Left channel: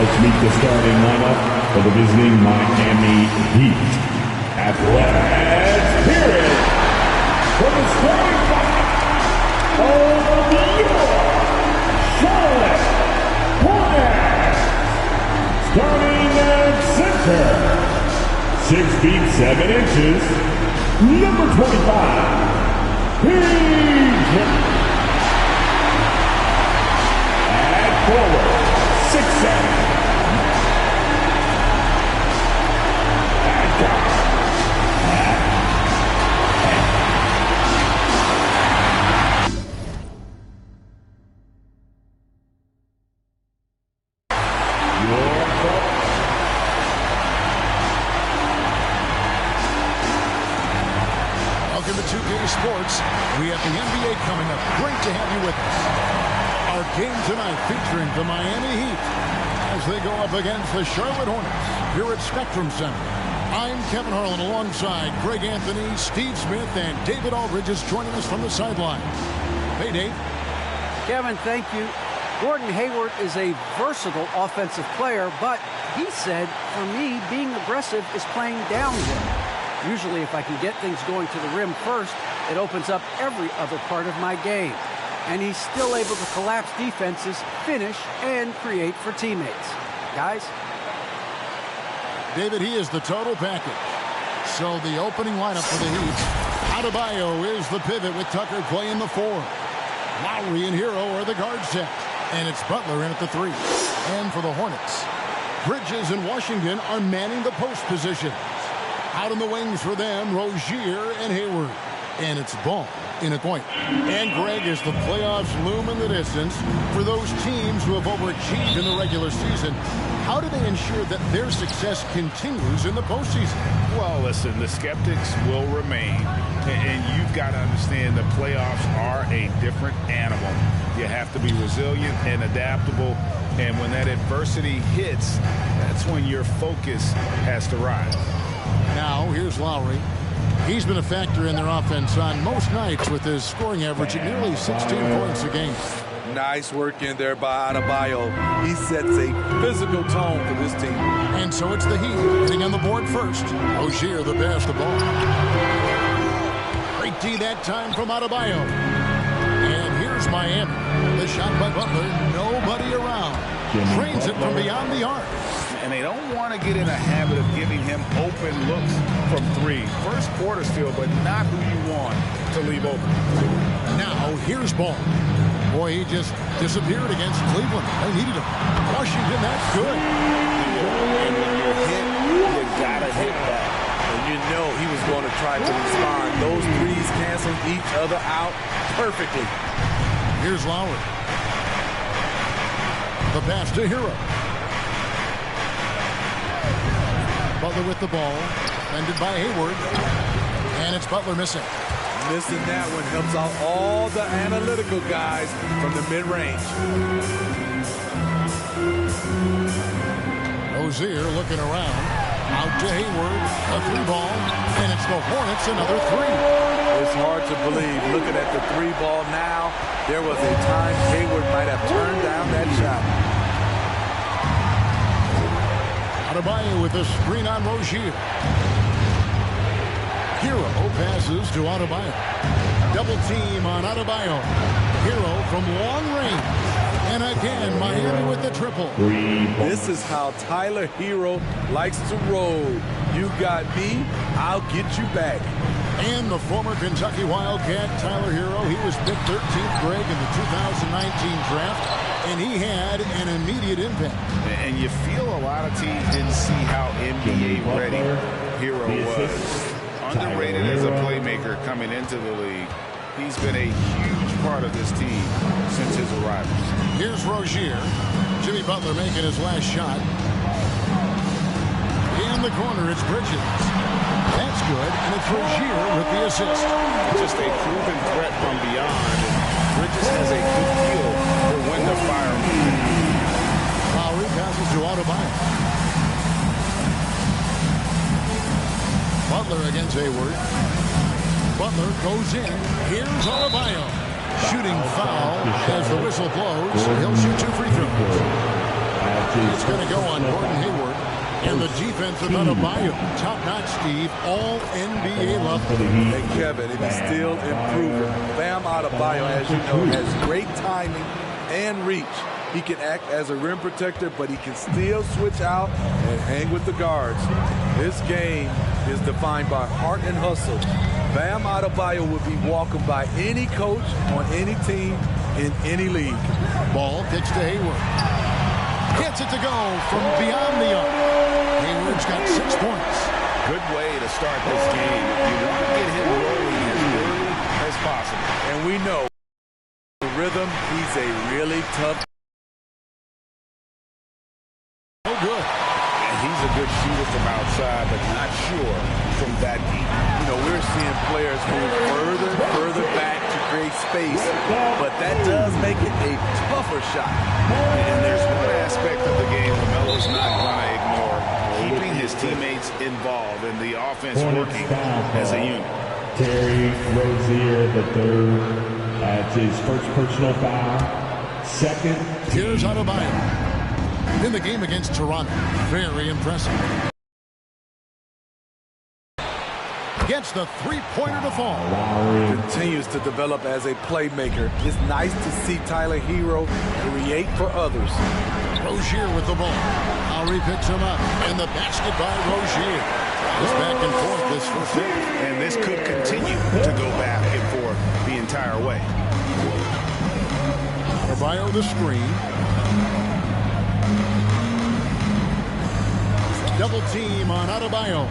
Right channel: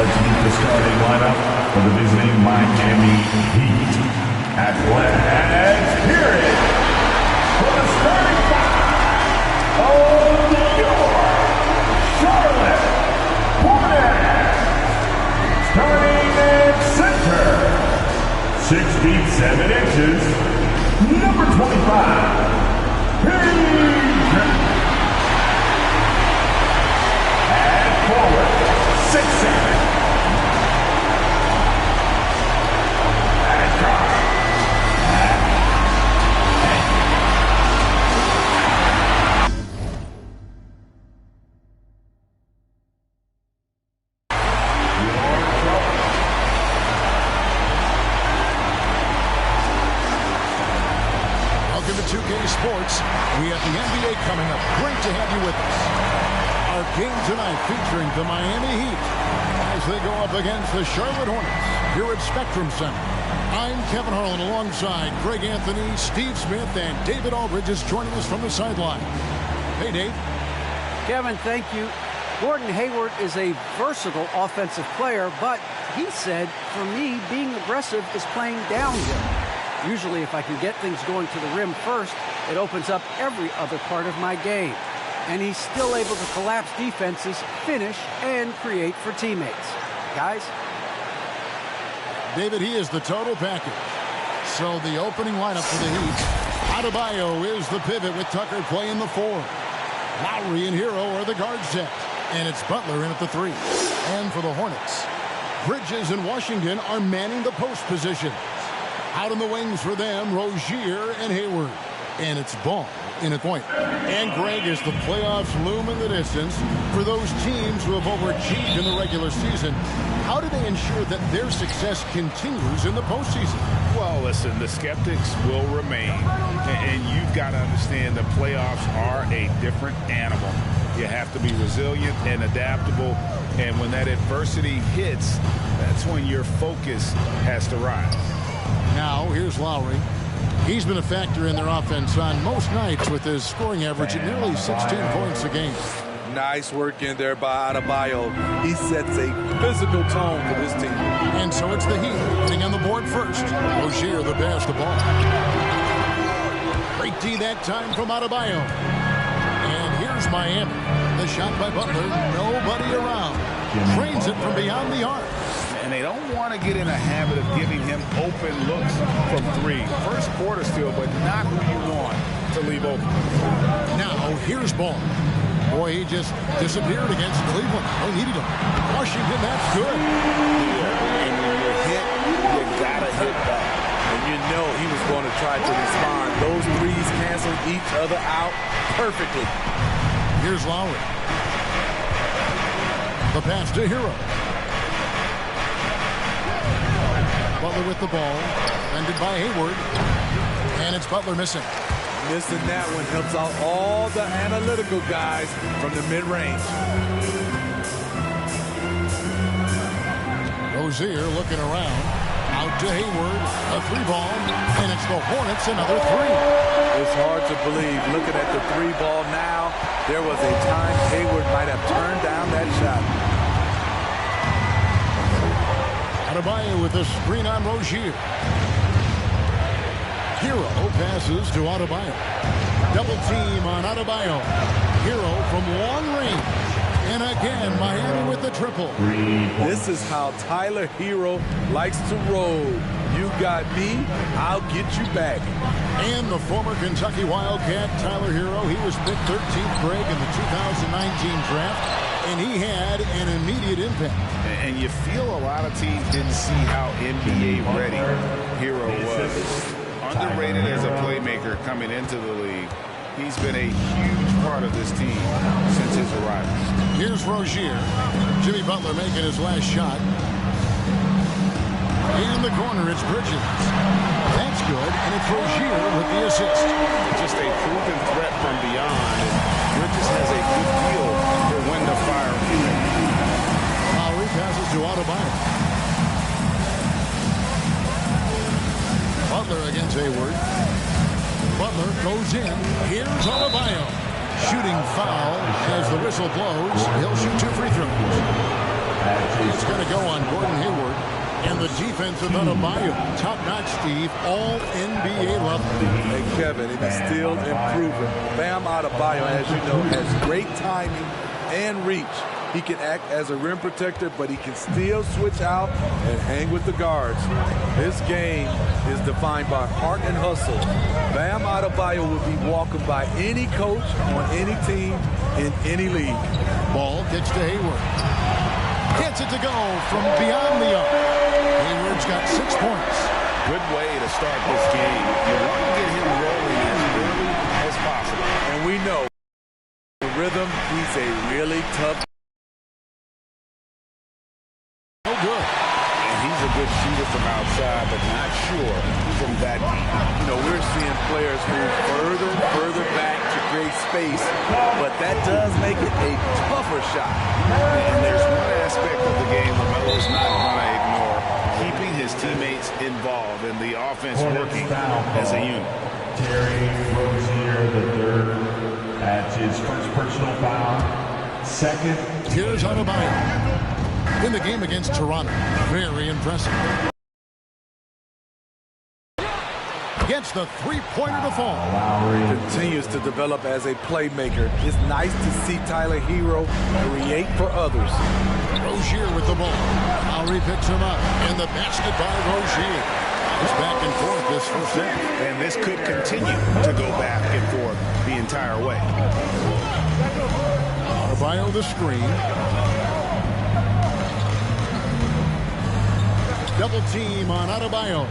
Let's meet the starting lineup for the visiting Miami Heat. And let's hear it for the starting five of your Charlotte Hornets. Starting at center, 6 feet 7 inches, number 25, Page. At forward, 6'7". At guard, Welcome to 2K Sports. We have the NBA coming up. Great to have you with us. Our game tonight featuring the Miami Heat as they go up against the Charlotte Hornets here at Spectrum Center. I'm Kevin Harlan alongside Greg Anthony, Steve Smith, and David Aldridge is joining us from the sideline. Hey, Dave. Kevin, thank you. Gordon Hayward is a versatile offensive player, but he said, for me, being aggressive is playing downhill. Usually, if I can get things going to the rim first, it opens up every other part of my game. And he's still able to collapse defenses, finish, and create for teammates. Guys? David, he is the total package. So the opening lineup for the Heat. Adebayo is the pivot with Tucker playing the 4. Lowry and Hero are the guard set. And it's Butler in at the 3. And for the Hornets, Bridges and Washington are manning the post positions. Out on the wings for them, Rozier and Hayward. And it's Ball in at point. And Greg, as the playoffs loom in the distance, for those teams who have overachieved in the regular season, how do they ensure that their success continues in the postseason? Well, listen, the skeptics will remain. And you've got to understand the playoffs are a different animal. You have to be resilient and adaptable. And when that adversity hits, that's when your focus has to rise. Now, here's Lowry. He's been a factor in their offense on most nights with his scoring average at nearly 16 points a game. Nice work in there by Adebayo. He sets a physical tone for this team. And so it's the Heat getting on the board first. Rozier the pass the ball. Great D that time from Adebayo. And here's Miami. The shot by Butler. Nobody around. Trains it from beyond the arc. And they don't want to get in a habit of giving him open looks from 3. First quarter still, but not who you want to leave open. Now, here's Ball. Boy, he just disappeared against Cleveland. They needed him. Washington, that's good. And when you're hit, you got to hit back. And you know he was going to try to respond. Those threes canceled each other out perfectly. Here's Lowry. The pass to Hero. Butler with the ball. Defended by Hayward. And it's Butler missing. Missing that one helps out all the analytical guys from the mid-range. Rozier looking around. Out to Hayward. A 3-ball. And it's the Hornets another 3. It's hard to believe. Looking at the 3-ball now, there was a time Hayward might have turned down that shot. Adebayo with a screen on Rozier. Hero passes to Adebayo. Double team on Adebayo. Hero from long range. And again, Miami with the triple. This is how Tyler Hero likes to roll. You got me, I'll get you back. And the former Kentucky Wildcat, Tyler Hero, he was picked 13th, Greg, in the 2019 draft. And he had an immediate impact. And you feel a lot of teams didn't see how NBA ready Hero was. Underrated as a playmaker coming into the league. He's been a huge part of this team since his arrival. Here's Rozier. Jimmy Butler making his last shot. In the corner, it's Bridges. That's good, and it's Rozier with the assist. Just a proven threat from beyond, and Bridges has a good feel for when to fire from there. Lowry passes to Adebayo. Butler against Hayward. Butler goes in. Here's Adebayo. Shooting foul as the whistle blows. He'll shoot 2 free throws. It's going to go on Gordon Hayward. And the defense of Adebayo. Top-notch, Steve. All NBA level. Hey, Kevin, and he's still improving. Bam Adebayo, as you know, has great timing and reach. He can act as a rim protector, but he can still switch out and hang with the guards. This game is defined by heart and hustle. Bam Adebayo would be welcomed by any coach on any team in any league. Ball gets to Hayward. Gets it to go from beyond the arc. Hayward's got 6 points. Good way to start this game. You want to get him rolling as early as possible. And we know the rhythm, he's a really tough. No good. And he's a good shooter from outside, but not sure from that deep. You know, we're seeing players move further back to create space, but that does make it a tougher shot. And there's one aspect of the game LaMelo's not going to ignore, keeping his teammates involved in the offense working as a unit. Terry Rozier, the third. That's his first personal foul. Second. Here's Adebayo. In the game against Toronto. Very impressive. Gets the three-pointer to fall. Lowry continues to develop as a playmaker. It's nice to see Tyler Hero create for others. Rozier with the ball. Lowry picks him up. And the basket by Rozier. It's back and forth this first half. And this could continue to go back and forth the entire way. Adebayo the screen. Double team on Adebayo.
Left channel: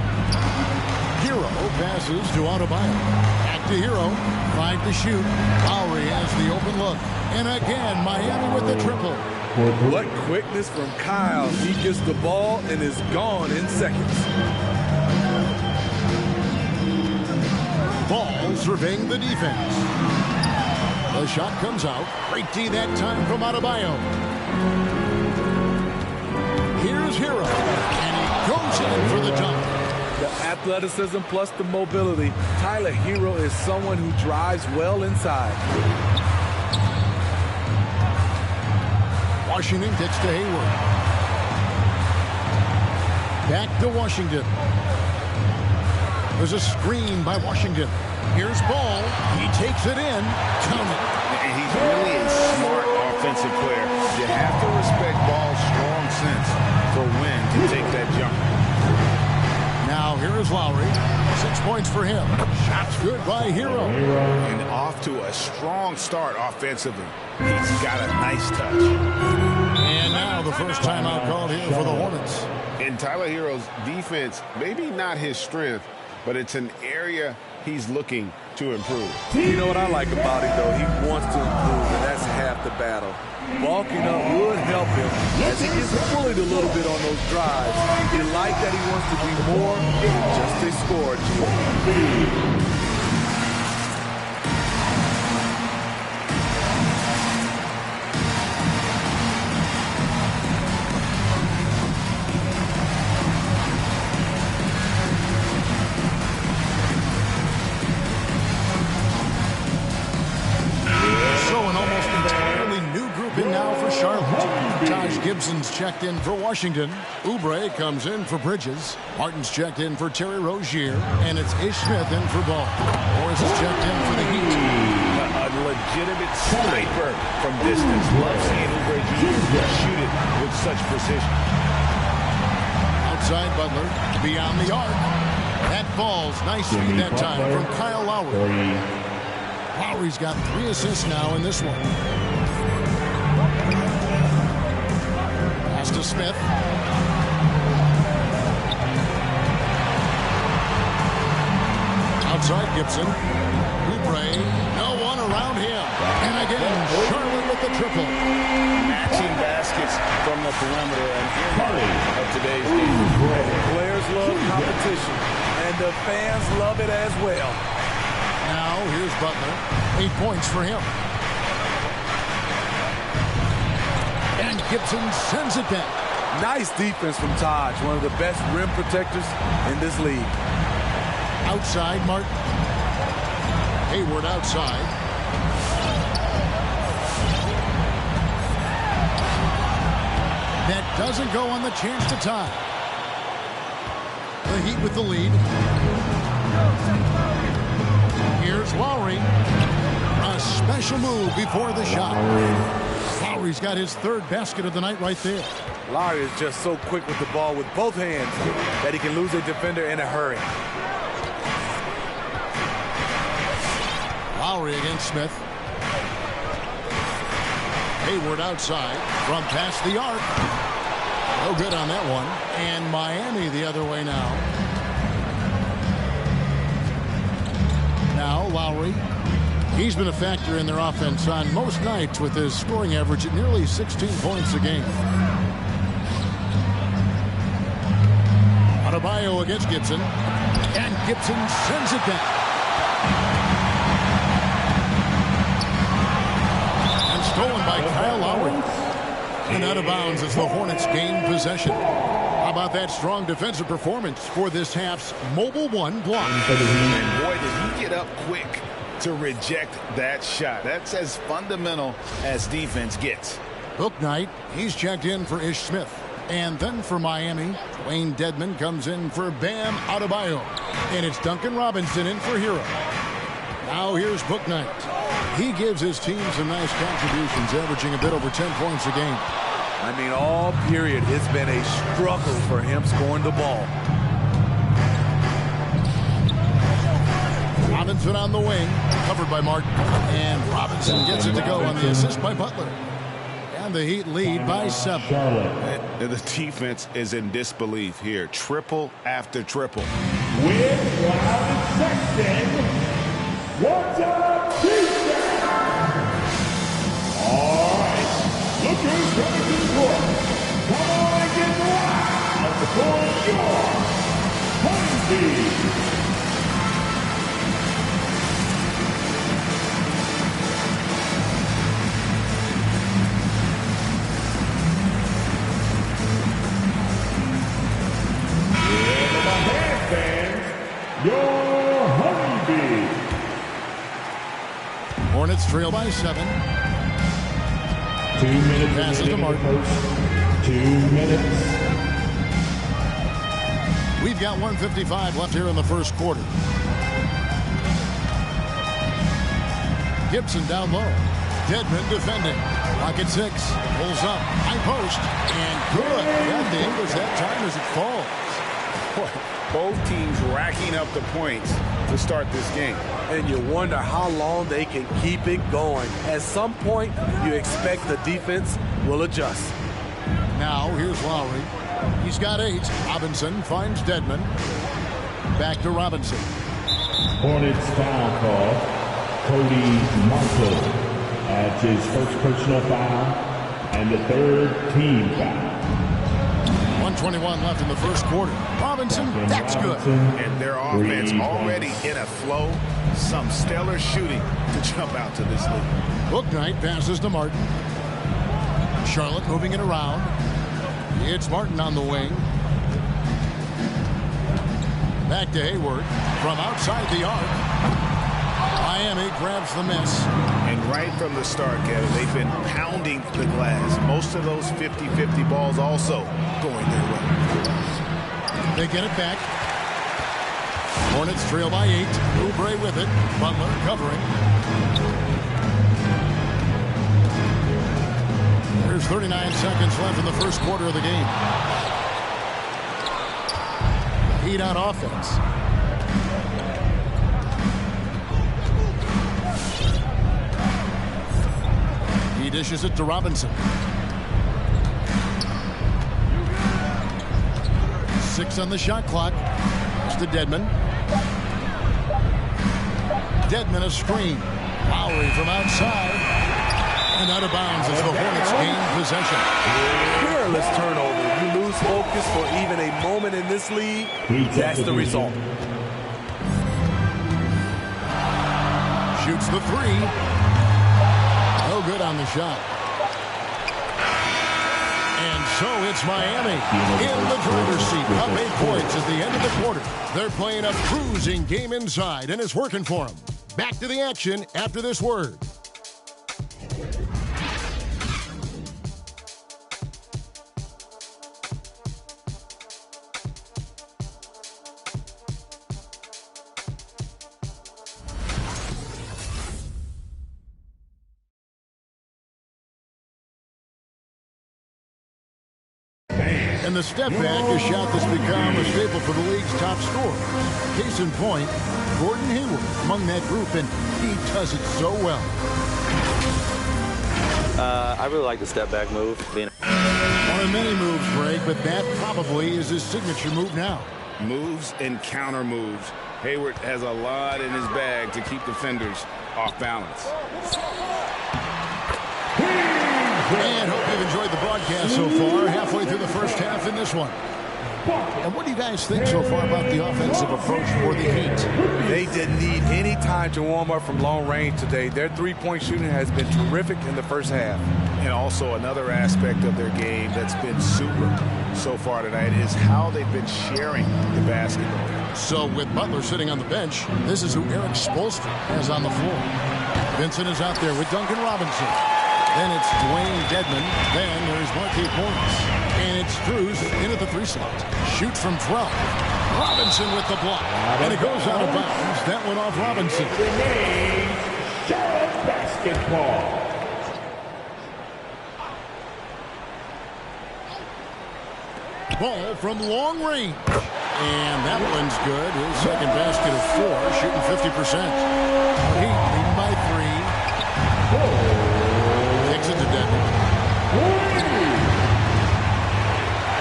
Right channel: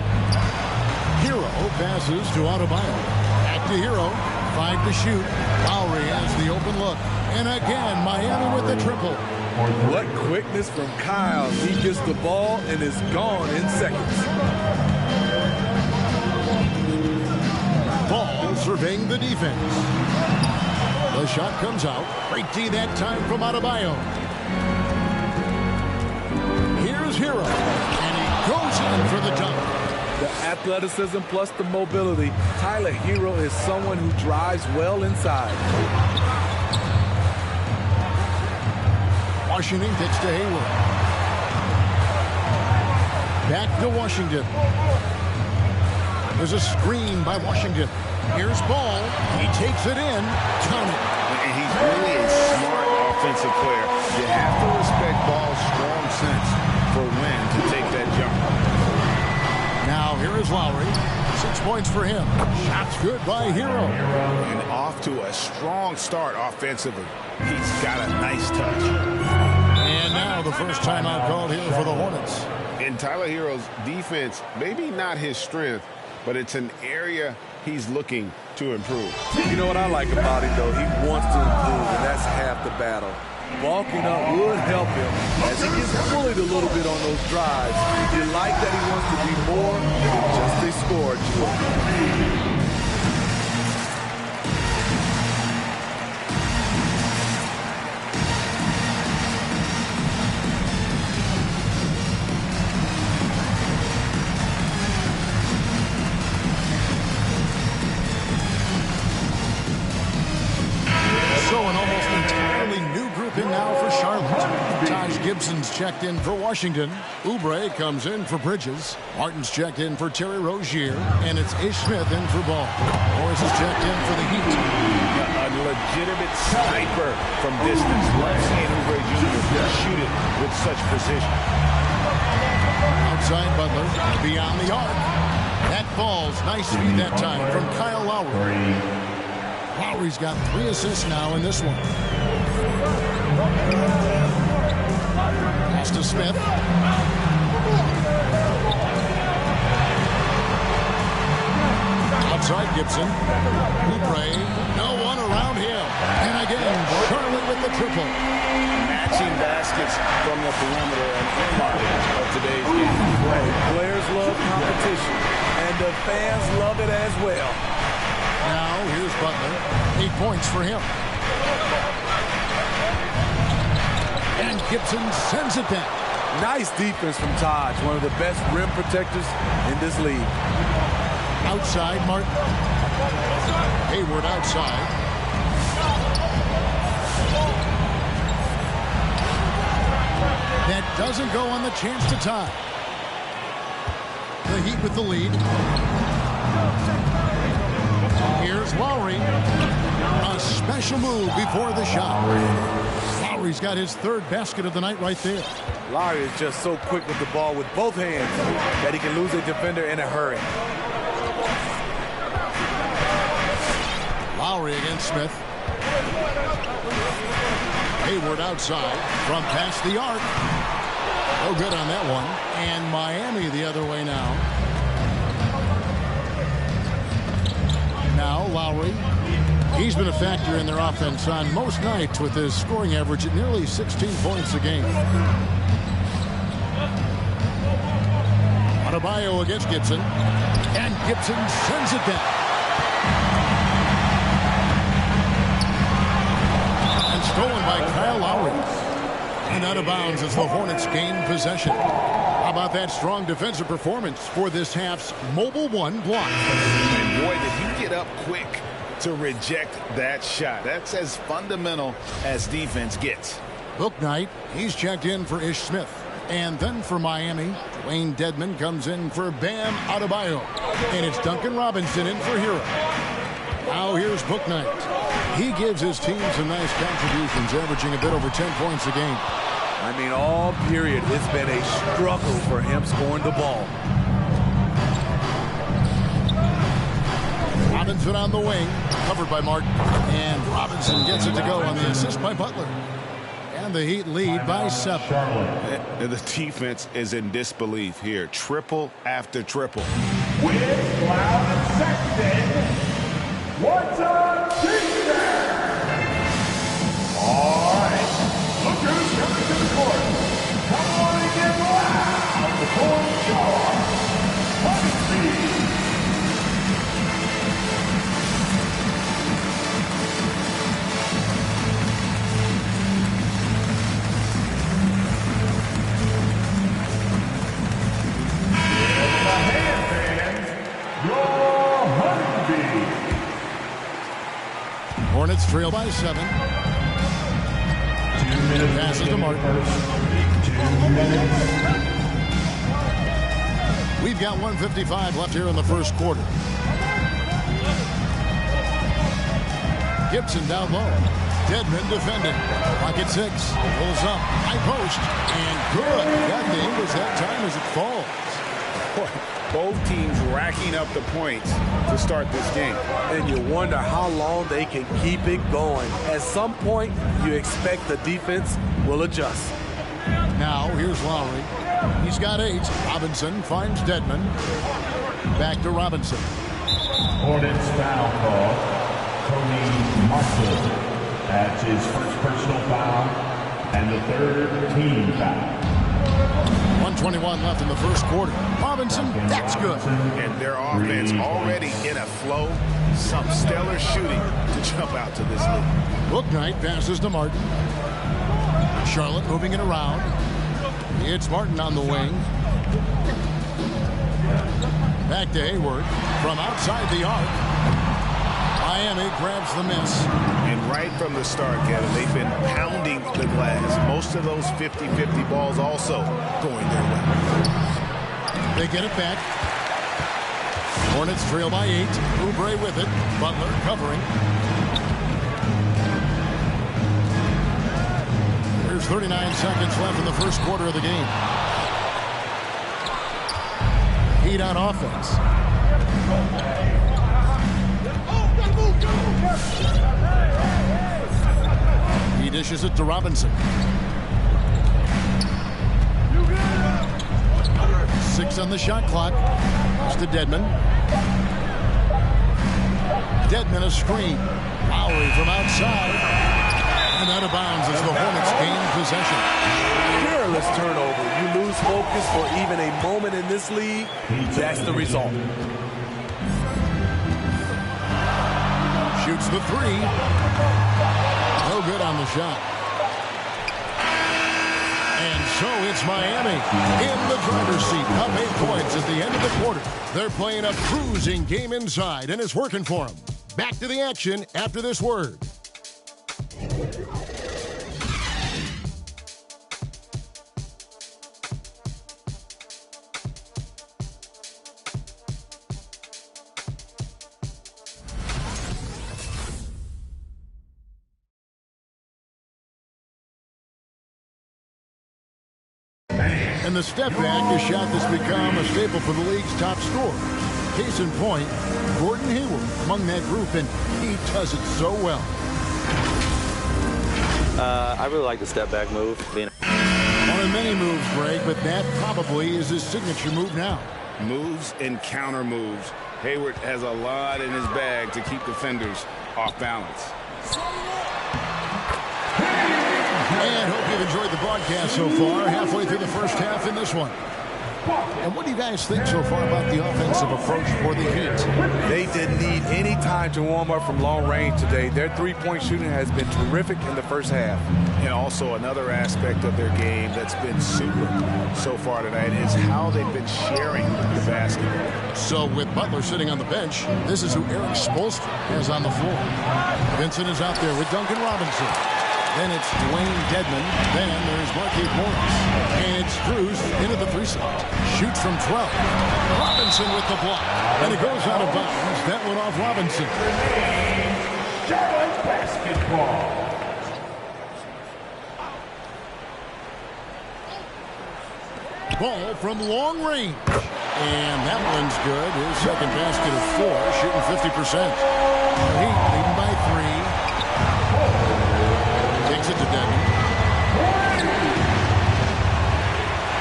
Hero passes to Adebayo. Back to Hero. 5 to shoot. Lowry has the open look. And again, Miami with the triple. What quickness from Kyle. He gets the ball and is gone in seconds. Ball surveying the defense. The shot comes out. Great D that time from Adebayo. Here's Hero. And he goes in for the dunk. The athleticism plus the mobility. Tyler Hero is someone who drives well inside. Washington kicks to Hayward. Back to Washington. There's a screen by Washington. Here's Ball. He takes it in. Count it. And he's really a smart offensive player. You have to respect Ball's strong sense for when to take that jump. Now here is Lowry. 6 points for him. Shots good by Hero. And off to a strong start offensively. He's got a nice touch. And now the first timeout called here for the Hornets. In Tyler Hero's defense, maybe not his strength, but it's an area he's looking to improve. You know what I like about him, though? He wants to improve, and that's half the battle. Bulking up would help him as he gets bullied a little bit on those drives. You like that he wants to be more than just a scorer, Gio. So an almost entirely new group in now for Charlotte. Taj Gibson's checked in for Washington. Oubre comes in for Bridges. Martin's checked in for Terry Rozier. And it's Ish Smith in for Ball. Morris is checked in for the Heat. A legitimate sniper from distance. Love seeing Oubre Jr. shoot it with such precision. Outside Butler. Beyond the arc. That falls. Nice feed that time from Kyle Lowry. Lowry's got 3 assists now in this one. Pass to Smith. Outside Gibson. Oubre. No one around him. And again, Charlotte with the triple. Matching baskets from the perimeter, an earmark of today's game. Players love competition, and the fans love it as well. Now, here's Butler. 8 points for him. And Gibson sends it back. Nice defense from Taj, one of the best rim protectors in this league. Outside, Martin. Hayward outside. That doesn't go on the chance to tie. The Heat with the lead. Here's Lowry. A special move before the shot. Lowry's got his third basket of the night right there. Lowry is just so quick with the ball with both hands that he can lose a defender in a hurry. Lowry against Smith. Hayward outside from past the arc. No good on that one. And Miami the other way now. Now Lowry. He's been a factor in their offense on most nights with his scoring average at nearly 16 points a game. Adebayo against Gibson. And Gibson sends it back. And stolen by Kyle Lowry. And out of bounds as the Hornets gain possession. How about that strong defensive performance for this half's mobile one block? And boy, did he get up quick to reject that shot. That's as fundamental as defense gets. Book night, he's checked in for Ish Smith. And then for Miami, Dwayne Dedmon comes in for Bam Adebayo. And it's Duncan Robinson in for Hero. Now here's Book night. He gives his team some nice contributions, averaging a bit over 10 points a game. I mean, all period, it's been a struggle for him scoring the ball. Robinson on the wing, covered by Martin. And Robinson gets it to go on the assist by Butler. And the Heat lead by 7. And the defense is in disbelief here. Triple after triple. With Loud and Sexton, what's up, defense? All right, look who's coming to the court. Come on and get loud for your Honeybee. Your Honeybee. Hornets trail by 7. 2 minutes. Passes to Martin. 2 minutes. We've got 1:55 left here in the first quarter. Gibson down low. Dedmon defending. Pocket 6. Pulls up. High post. And good. Got the English that time as it falls. Boy, both teams racking up the points to start this game. And you wonder how long they can keep it going. At some point, you expect the defense will adjust. Now, here's Lowry. He's got 8. Robinson finds Dedmon. Back to Robinson. Hornets foul call. Cody Marshall adds his first personal foul and the third team foul. 1:21 left in the first quarter. Robinson, that's good. And their offense already in a flow. Some stellar shooting to jump out to this lead. Book night passes to Martin. Charlotte moving it around. It's Martin on the wing. Back to Hayward from outside the arc. Miami grabs the miss. And right from the start, Kevin, they've been pounding the glass. Most of those 50-50 balls also going their way. They get it back. Hornets trail by 8. Oubre with it. Butler covering. There's 39 seconds left in the first quarter of the game. Heat on offense. He dishes it to Robinson. 6 on the shot clock. It's to Dedmon. Dedmon a screen. Lowry from outside. And out of bounds as the Hornets gain possession. Careless turnover. You lose focus for even a moment in this league. That's the result. Shoots the 3. No good on the shot. And so it's Miami in the driver's seat, up 8 points at the end of the quarter. They're playing a cruising game inside, and it's working for them. Back to the action after this word. And the step back, a shot that's become a staple for the league's top scorers. Case in point, Gordon Hayward among that group, and he does it so well. I really like the step back move. One of many moves, Greg, but that probably is his signature move now. Moves and counter moves. Hayward has a lot in his bag to keep defenders off balance. And hope you've enjoyed the broadcast so far. Halfway through the first half in this one. And what do you guys think so far about the offensive approach for the Heat? They didn't need any time to warm up from long range today. Their three-point shooting has been terrific in the first half. And also another aspect of their game that's been super so far tonight is how they've been sharing the basketball. So with Butler sitting on the bench, this is who Eric Spoelstra has on the floor. Vincent is out there with Duncan Robinson. Then it's Dwayne Dedman. Then there's Markieff Morris. And it's Strus into the 3 slot. Shoots from 12. Robinson with the block. And it goes out of bounds. That went off Robinson. Remains Charlotte basketball. Ball from long range. And that one's good. His second basket of 4, shooting 50%. Heat leading by 3. Takes it to Dedman.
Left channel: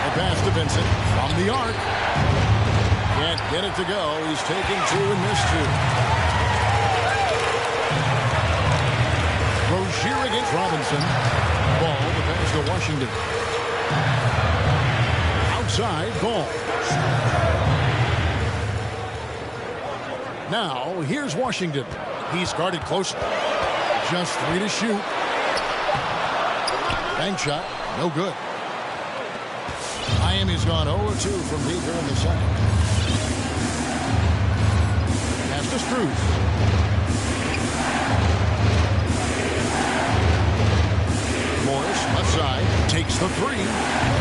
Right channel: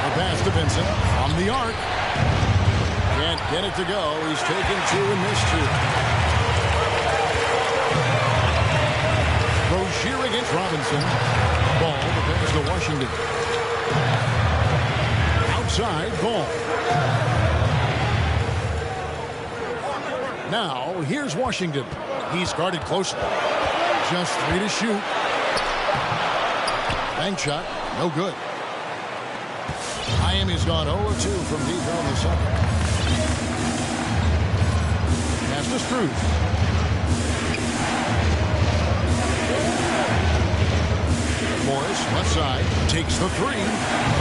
A pass to Vincent from the arc. Can't get it to go. He's taken 2 and missed 2. Rozier against Robinson. Ball, the pass to Washington. Outside, Ball. Now, here's Washington. He's guarded closely. Just 3 to shoot. Bank shot, no good. Miami's gone 0-2 from deep here in the second. Pass to Strus. Morris, left side, takes the 3.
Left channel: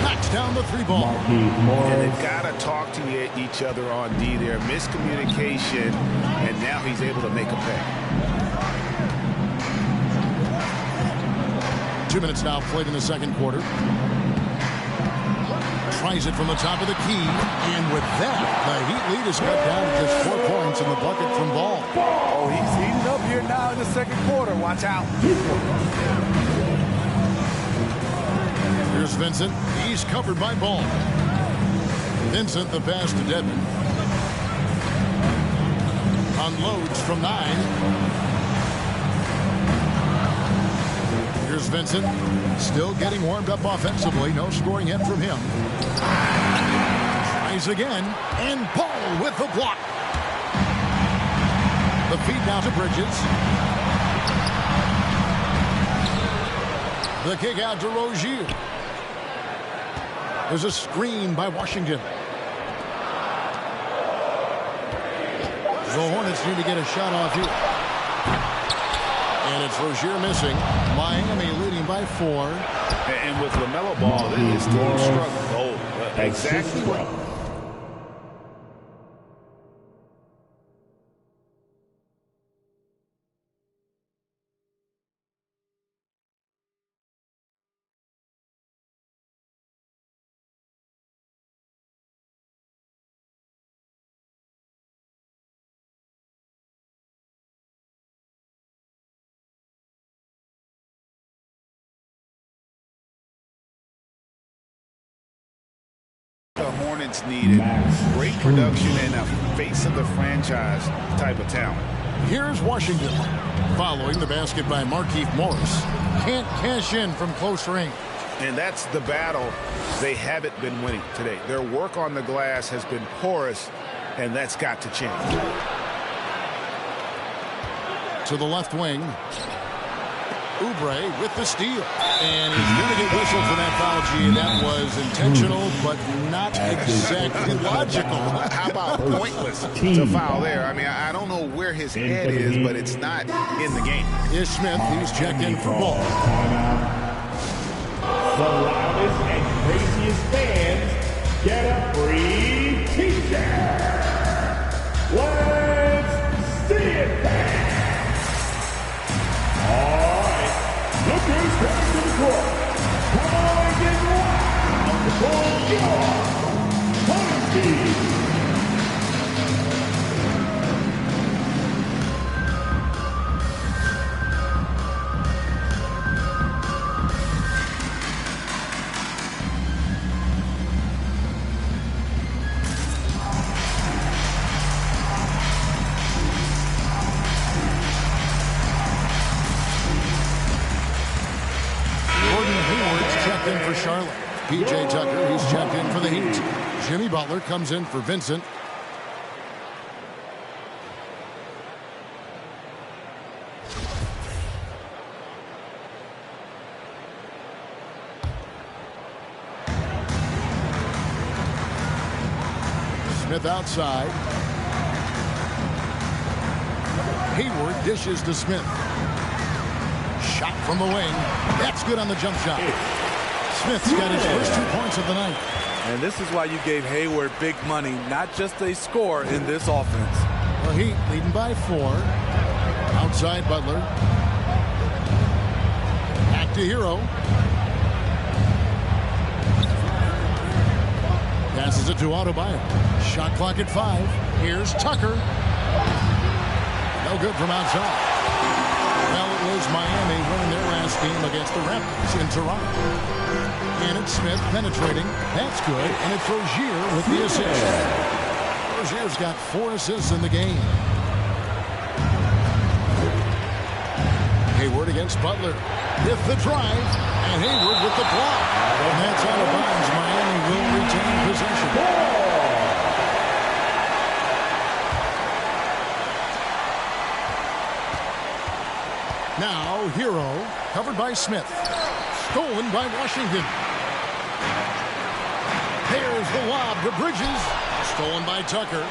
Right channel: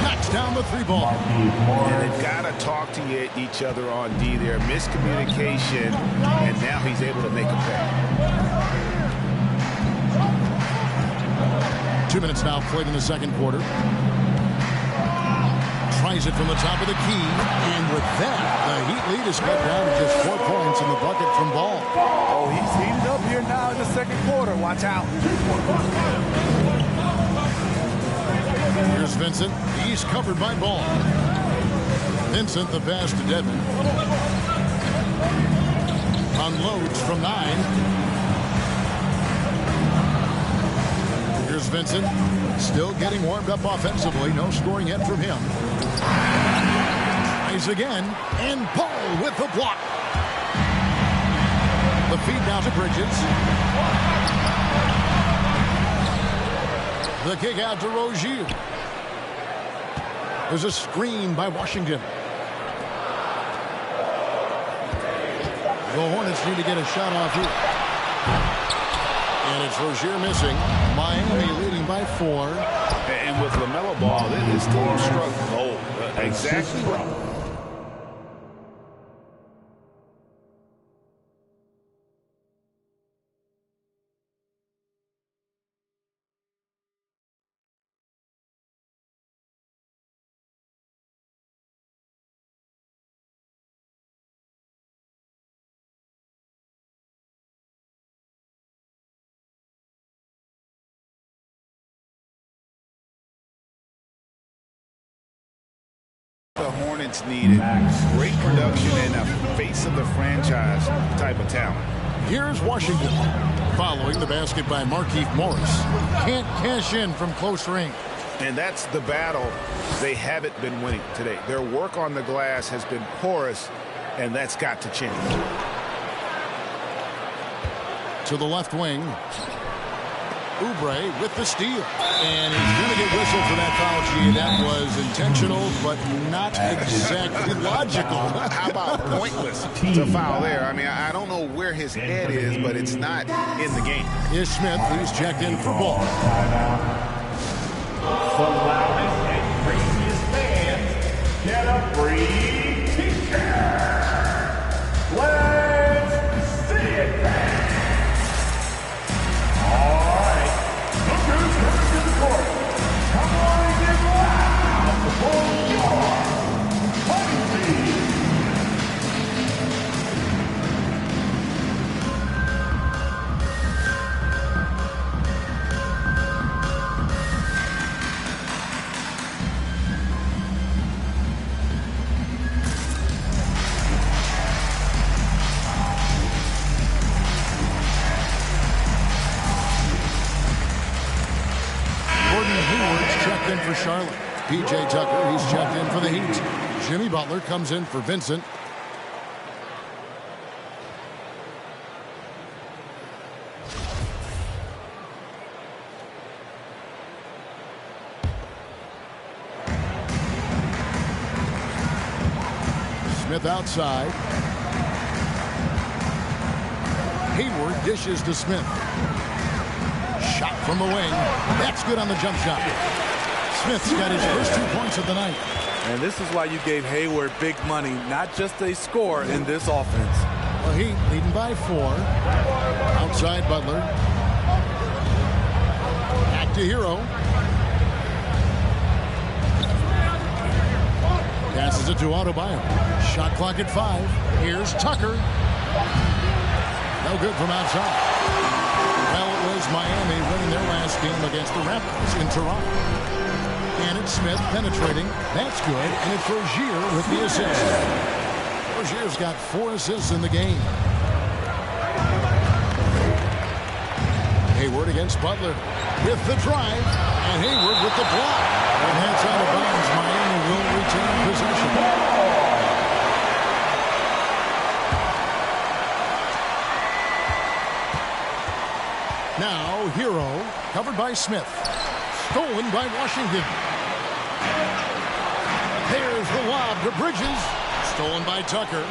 Knocks down the 3-ball. And they've got to talk to each other on D there. Miscommunication, and now he's able to make a pay. 2 minutes now played in the second quarter. Tries it from the top of the key. And with that, the Heat lead is cut down to just 4 points in the bucket from Ball. Oh, he's heating up here now in the second quarter. Watch out. Here's Vincent. He's covered by Ball. Vincent, the pass to Dedman. Unloads from 9. Here's Vincent, still getting warmed up offensively. No scoring yet from him. Tries again, and Paul with the block. The feed now to Bridges. The kick out to Rozier. There's a screen by Washington. The Hornets need to get a shot off here. And it's Rozier missing. Miami leading by 4. And with LaMelo Ball, this team struck gold. Exactly what. The Hornets needed great production and a face of the franchise type of talent. Here's Washington. Following the basket by Markieff Morris. Can't cash in from close range. And that's the battle they haven't been winning today. Their work on the glass has been porous, and that's got to change. To the left wing. Oubre with the steal. And he's going to get whistled for that foul, G. That was intentional, but not exactly logical. How about pointless to foul there? I mean, I don't know where his head is, but it's not in the game. Here's Smith. He's checked in for Ball. The loudest and craziest fans get a free t-shirt. Let's see it, fans. All right, look who's coming to the court. Come on and get loud for your Charlotte. P.J. Tucker, he's checked in for the Heat. Jimmy Butler comes in for Vincent. Smith outside. Hayward dishes to Smith. Shot from the wing. That's good on the jump shot. Smith's got his first 2 points of the night. And this is why you gave Hayward big money, not just a score in this offense. The Heat leading by 4. Outside Butler. Back to Hero. Passes it to Adebayo. Shot clock at 5. Here's Tucker. No good from outside. Well, it was Miami winning their last game against the Raptors in Toronto. And it's Smith penetrating. That's good. And it's Rozier with the assist. Rozier's got 4 assists in the game. Hayward against Butler with the drive. And Hayward with the block. And that's out of bounds. Miami will retain possession. Now, Hero, covered by Smith. Stolen by Washington. There's the lob to Bridges. Stolen by Tucker.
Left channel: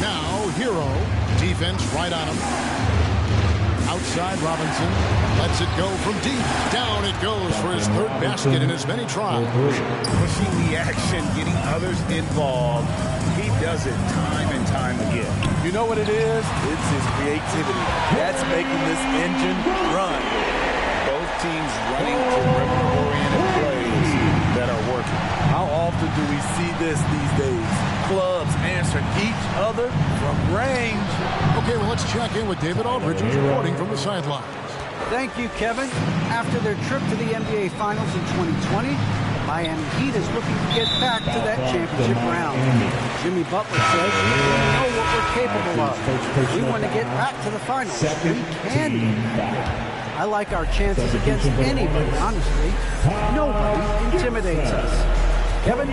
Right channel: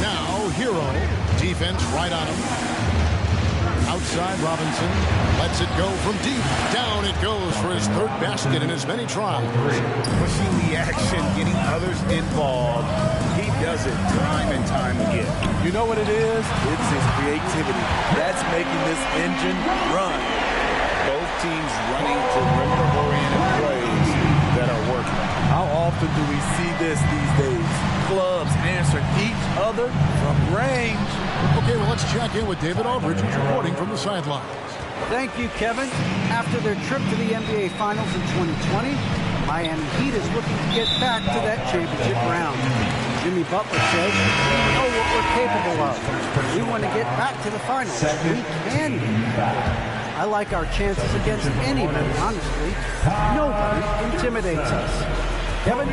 Now, Hero. Defense right on him. Outside Robinson. Lets it go from deep. Down it goes for his 3rd basket in as many tries. Pushing the action, getting others involved. He does it time and time again. You know what it is? It's his creativity. That's making this engine run. Both teams running perimeter-oriented plays that are working. How often do we see this these days? Clubs answering each other from range. Okay, well, let's check in with David Aldridge, who's reporting from the sidelines. Thank you, Kevin. After their trip to the NBA Finals in 2020, Miami Heat is looking to get back to that championship round. Jimmy Butler says, we know what we're capable of. We want to get back to the finals. We can get back there. I like our chances against anybody, honestly. Nobody intimidates us. Kevin?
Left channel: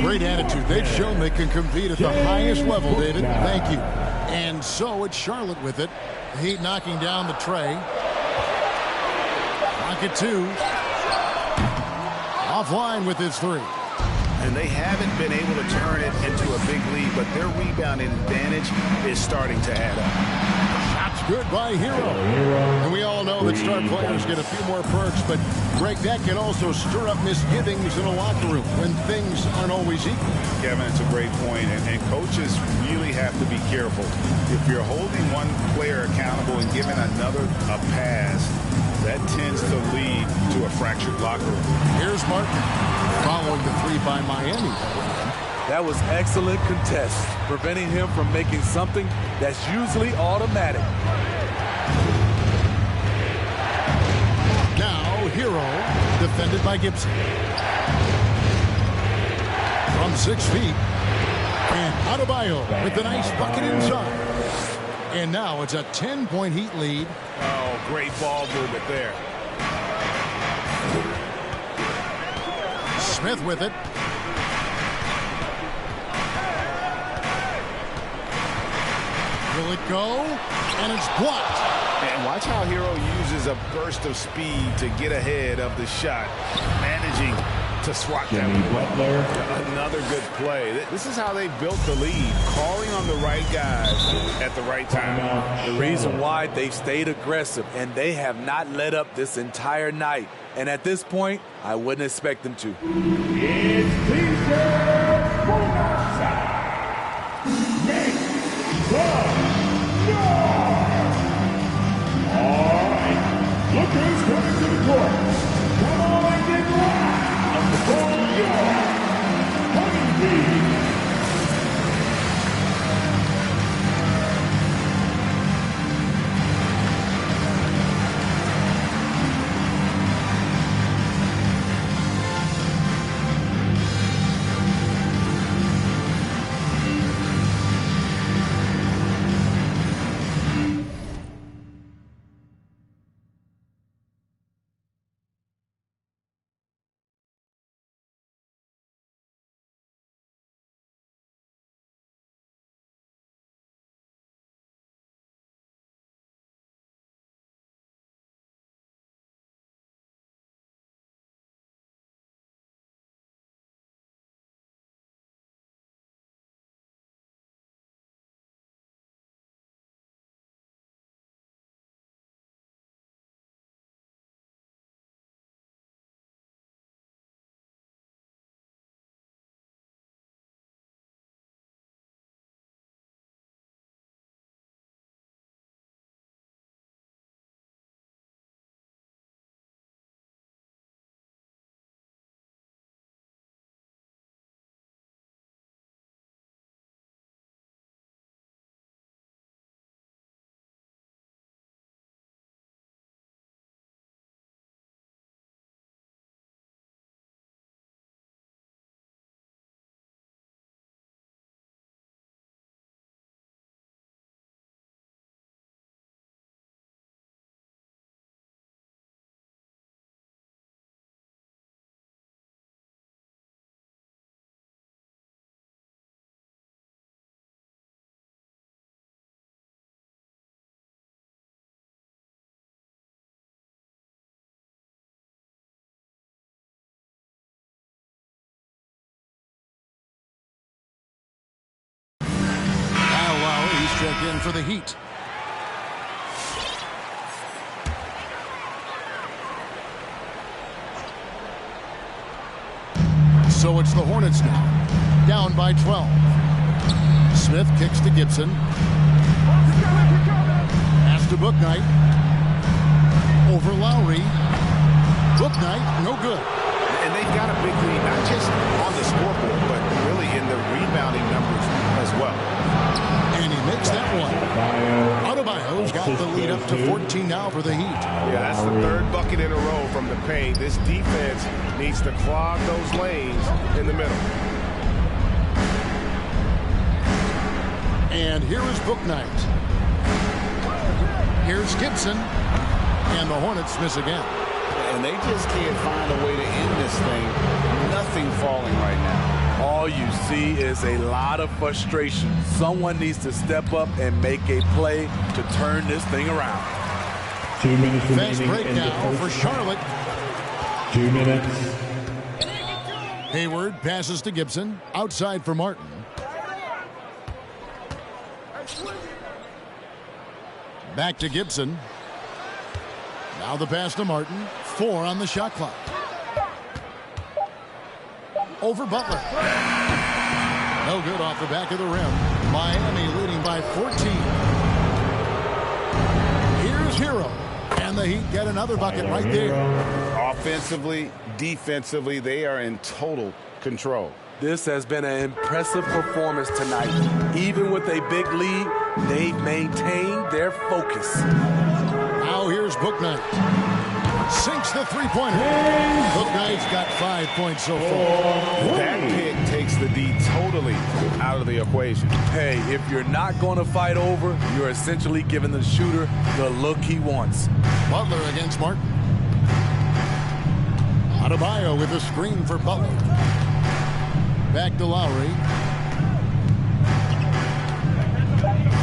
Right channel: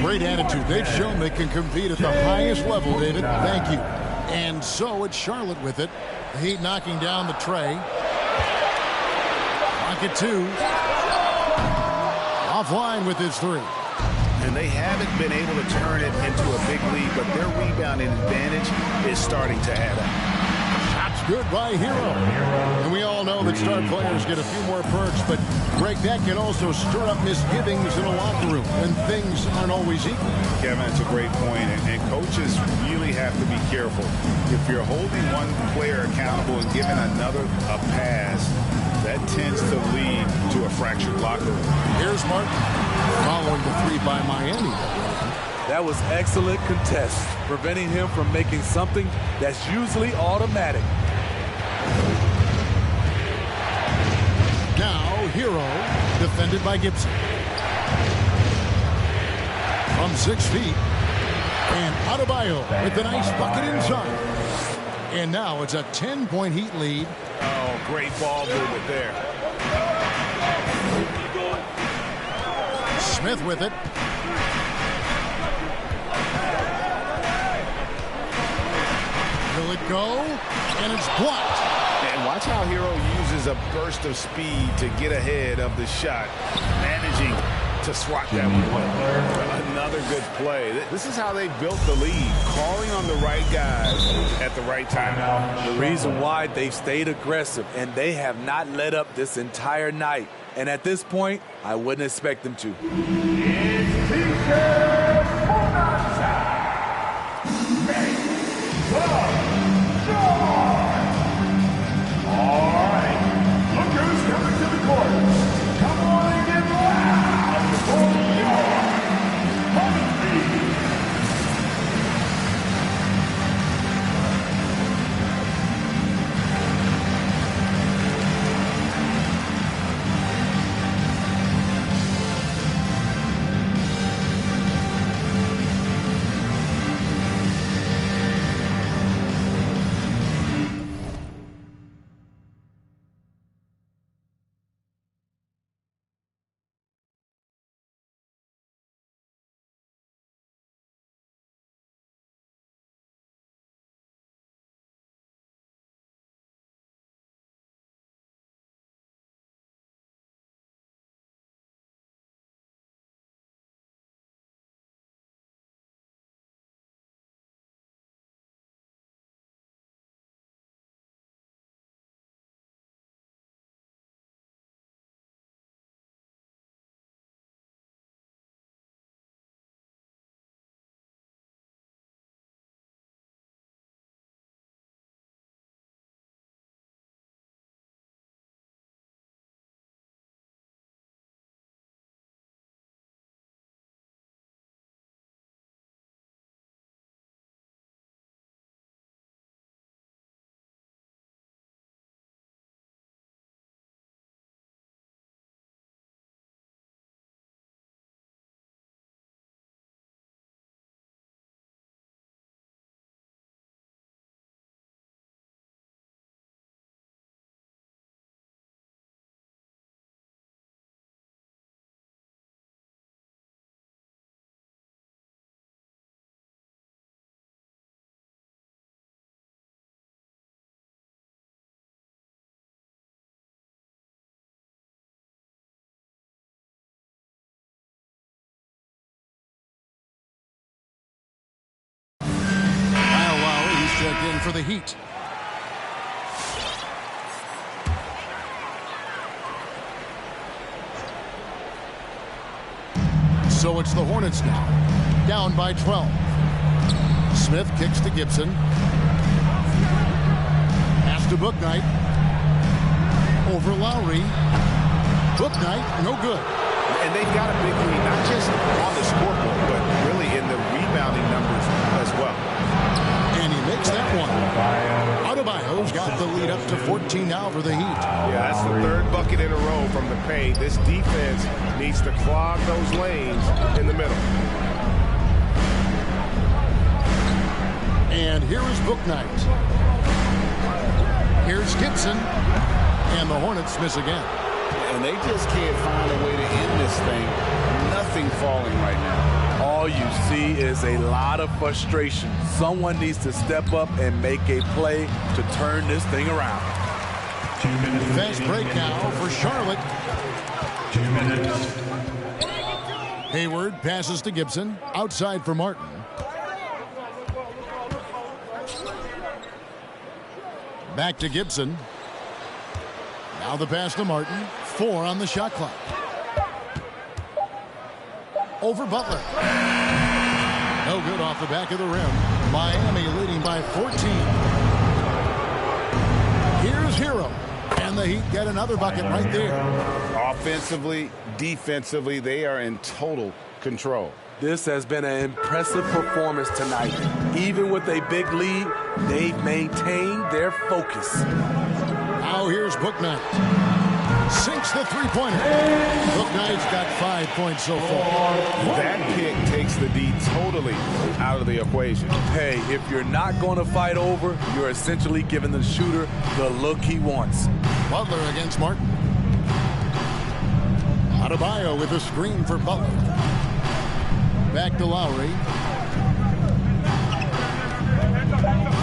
Great attitude. They've shown they can compete at the highest level, David. Thank you. And so it's Charlotte with it. The Heat knocking down the tray. Rocket 2. Offline with his 3. And they haven't been able to turn it into a big lead, but their rebounding advantage is starting to add up. Shot's good by Hero. And we all know that star players get a few more perks, but Greg, that can also stir up misgivings in a locker room when things aren't always equal. Kevin, it's a great point, and coaches really have to be careful. If you're holding one player accountable and giving another a pass, that tends to lead to a fractured locker room. Here's Martin following the 3 by Miami that went in. That was excellent contest, preventing him from making something that's usually automatic. Now, Hero, defended by Gibson. From 6 feet. And Adebayo with the nice bucket inside. And now it's a 10-point Heat lead. Oh, great ball movement there. Smith with it. Will it go? And it's blocked. And watch how Hero uses a burst of speed to get ahead of the shot, managing to swat that one away. Another good play. This is how they built the lead, calling on the right guys at the right time. The reason why they've stayed aggressive, and they have not let up this entire night. And at this point, I wouldn't expect them to. It's Peter Bonanza. Make some noise. All right, look who's coming to the court. Come on and get loud for your Hornets. in for the Heat. So it's the Hornets now, down by 12. Smith kicks to Gibson. Pass to Bouknight. Over Lowry. Bouknight, no good. And they've got a big lead, not just on the scoreboard, but really in the rebounding numbers as well. And he makes that one. Adebayo's got the lead up to 14 now for the Heat. Yeah, that's the third bucket in a row from the paint. This defense needs to clog those lanes in the middle. And here is Bouknight. Here's Gibson. And the Hornets miss again. And they just can't find a way to end this thing. Nothing falling right now. All you see is a lot of frustration. Someone needs to step up and make a play to turn this thing around. 2 minutes. Fast break now for Charlotte. 2 minutes. Hayward passes to Gibson. Outside for Martin. Back to Gibson. Now the pass to Martin. 4 on the shot clock. Over Butler. No good off the back of the rim. Miami leading by 14. Here's Hero. And the Heat get another bucket right there. Offensively, defensively, they are in total control. This has been an impressive performance tonight. Even with a big lead, they've maintained their focus. Now here's Bouknight. Sinks the three-pointer. Bouknight's got 5 points so far. That pick takes the D totally out of the equation. Hey, if you're not going to fight over, you're essentially giving the shooter the look he wants. Butler against Martin. Adebayo with a screen for Butler. Back to Lowry.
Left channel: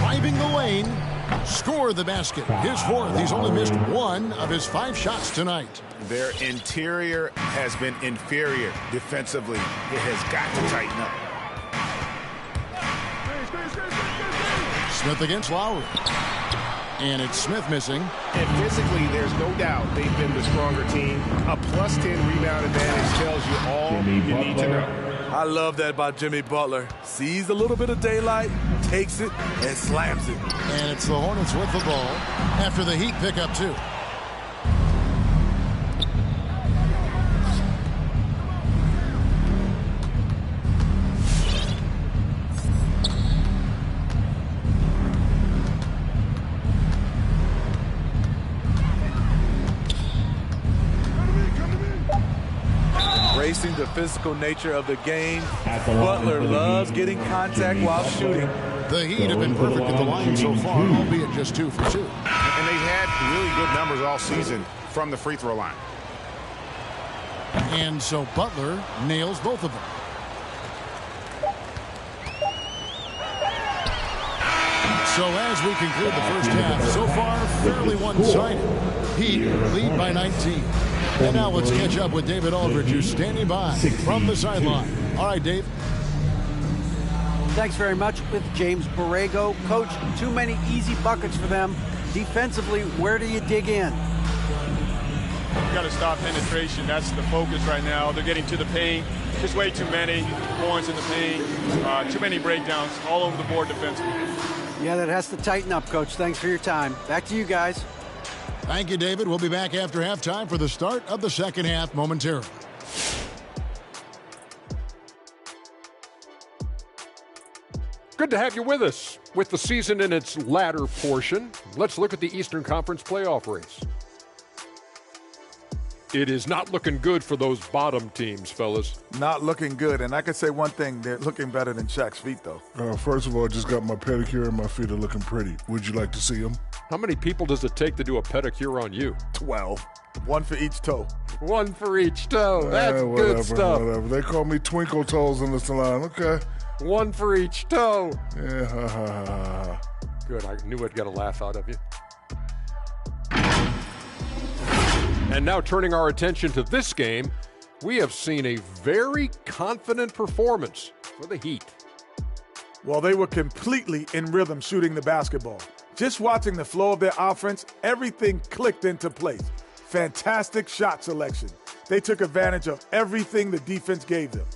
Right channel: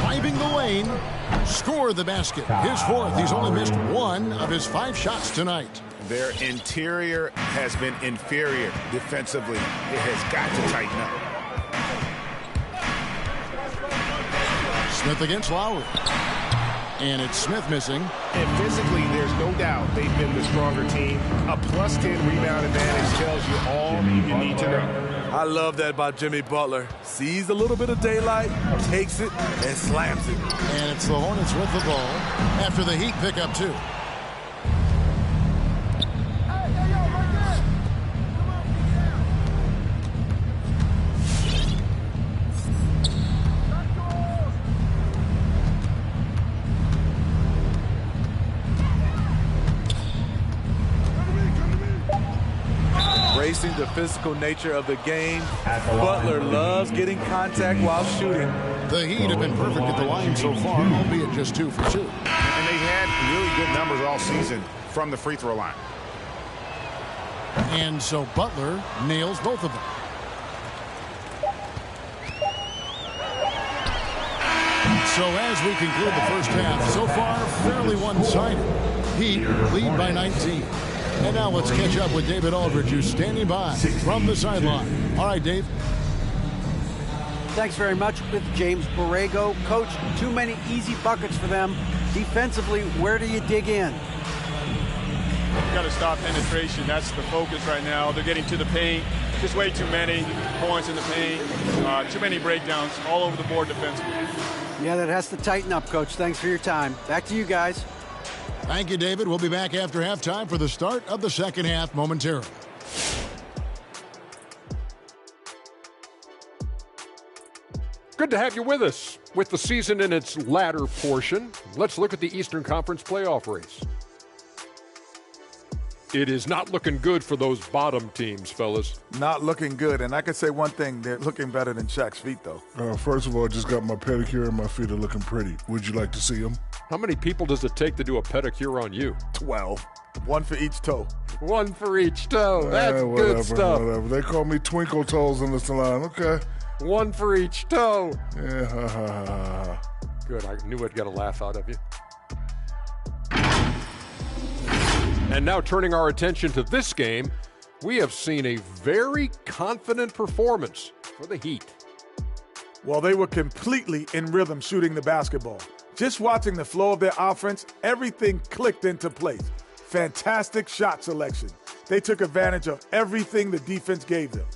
Driving the lane. Score the basket. His fourth. He's only missed 1 of his 5 shots tonight. Their interior has been inferior defensively. It has got to tighten up. Smith against Lowry. And it's Smith missing. And physically, there's no doubt they've been the stronger team. A plus 10 rebound advantage tells you all you need to know. I love that about Jimmy Butler. Sees a little bit of daylight, takes it, and slams it. And it's the Hornets with the ball after the Heat pick up 2. Embracing the physical nature of the game, Butler loves getting contact while shooting. The Heat have been perfect at the line so far, albeit just 2 for 2. And they've had really good numbers all season from the free throw line. And so Butler nails both of them. So as we conclude the first half, so far fairly one-sided. Heat lead by 19. And now let's catch up with David Aldridge, who's standing by from the sideline. All right, Dave. Thanks very much with James Borrego. Coach, too many easy buckets for them. Defensively, where do you dig in? You've got to stop penetration. That's the focus right now. They're getting to the paint. Just way too many points in the paint. Too many breakdowns all over the board defensively. Yeah, that has to tighten up, Coach. Thanks for your time. Back to you guys. Thank you, David. We'll be back after halftime for the start of the second half momentarily. Good to have you with us. With the season in its latter portion, let's look at the Eastern Conference playoff race. It is not looking good for those bottom teams, fellas. Not looking good. And I could say one thing, they're looking better than Shaq's feet, though. First of all, I just got my pedicure and my feet are looking pretty. Would you like to see them? How many people does it take to do a pedicure on you? 12. 1 for each toe. 1 for each toe. That's whatever, good stuff. Whatever. They call me Twinkle Toes in the salon. Okay. 1 for each toe. Yeah, ha, ha, ha, ha. Good. I knew I'd get a laugh out of you. And now turning our attention to this game, we have seen a very confident performance for the Heat. Well, they were completely in rhythm shooting the basketball. Just watching the flow of their offense, everything clicked into place. Fantastic shot selection. They took advantage of everything the defense gave them.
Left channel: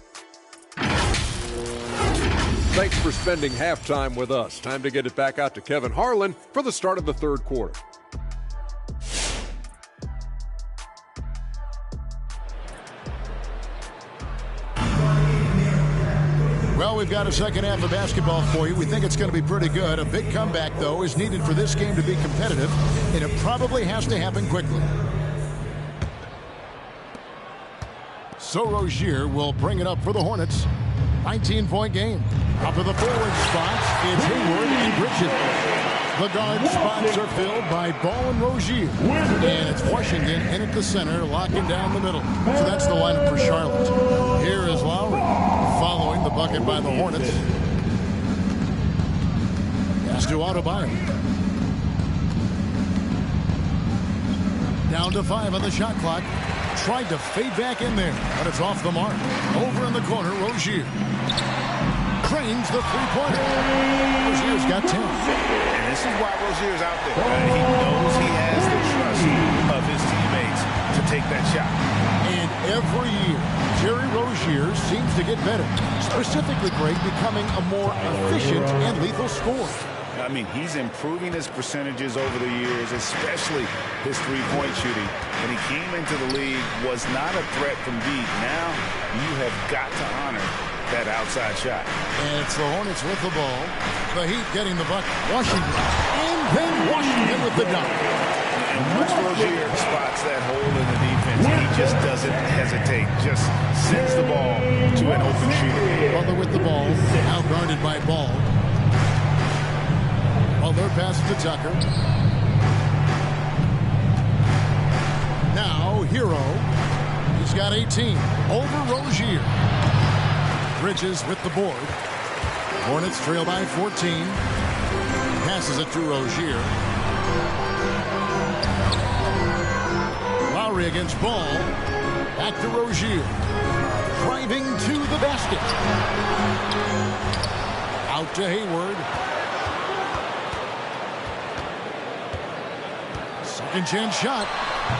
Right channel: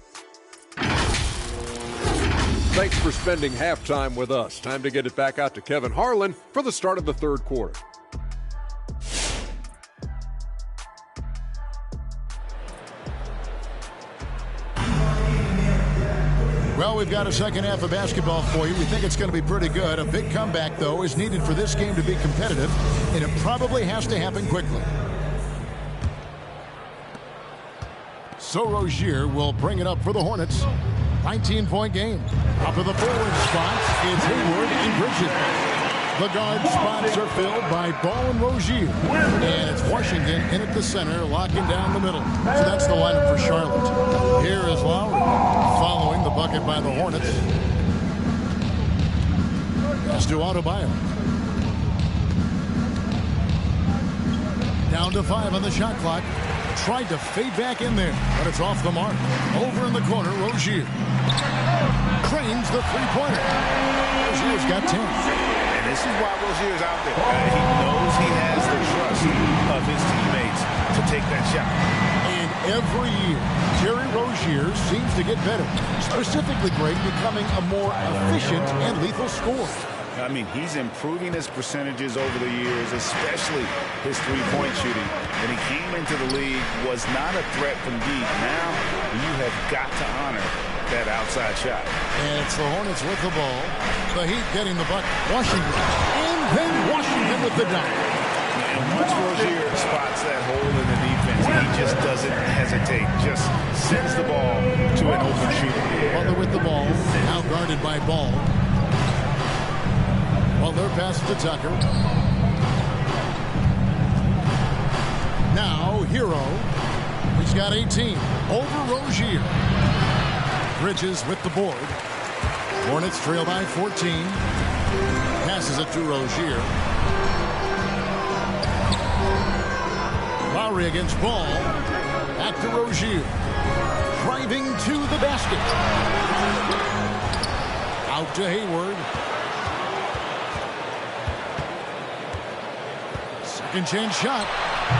Thanks for spending halftime with us. Time to get it back out to Kevin Harlan for the start of the third quarter. Well, we've got a second half of basketball for you. We think it's going to be pretty good. A big comeback, though, is needed for this game to be competitive, and it probably has to happen quickly. So Rozier will bring it up for the Hornets. 19-point game. Up to the forward spots, it's Hayward and Bridges. The guard spots are filled by Ball and Rozier. And it's Washington in at the center, locking down the middle. So that's the lineup for Charlotte. Here is Lowry, following the bucket by the Hornets. Pass to Adebayo. Down to 5 on the shot clock. Tried to fade back in there, but it's off the mark. Over in the corner, Rozier. Trains the three-pointer. Rozier's got 10. And this is why Rozier's out there. He knows he has the trust of his teammates to take that shot. And every year, Terry Rozier seems to get better. Specifically, Greg, becoming a more efficient and lethal scorer. I mean, he's improving his percentages over the years, especially his three-point shooting. When he came into the league, was not a threat from deep. Now, you have got to honor that outside shot. And it's the Hornets with the ball. The Heat getting the bucket. Washington. And then Washington with the dunk. And once Rozier spots that hole in the defense, he just doesn't hesitate. Just sends the ball to an open shooter. Butler with the ball. Now guarded by Ball. Butler passes to Tucker. Now Hero. He's got 18. Over Rozier. Bridges with the board. Hornets trail by 14. Passes it to Rozier. Lowry against Ball. Back to Rozier. Driving to the basket. Out to Hayward. Second chance shot.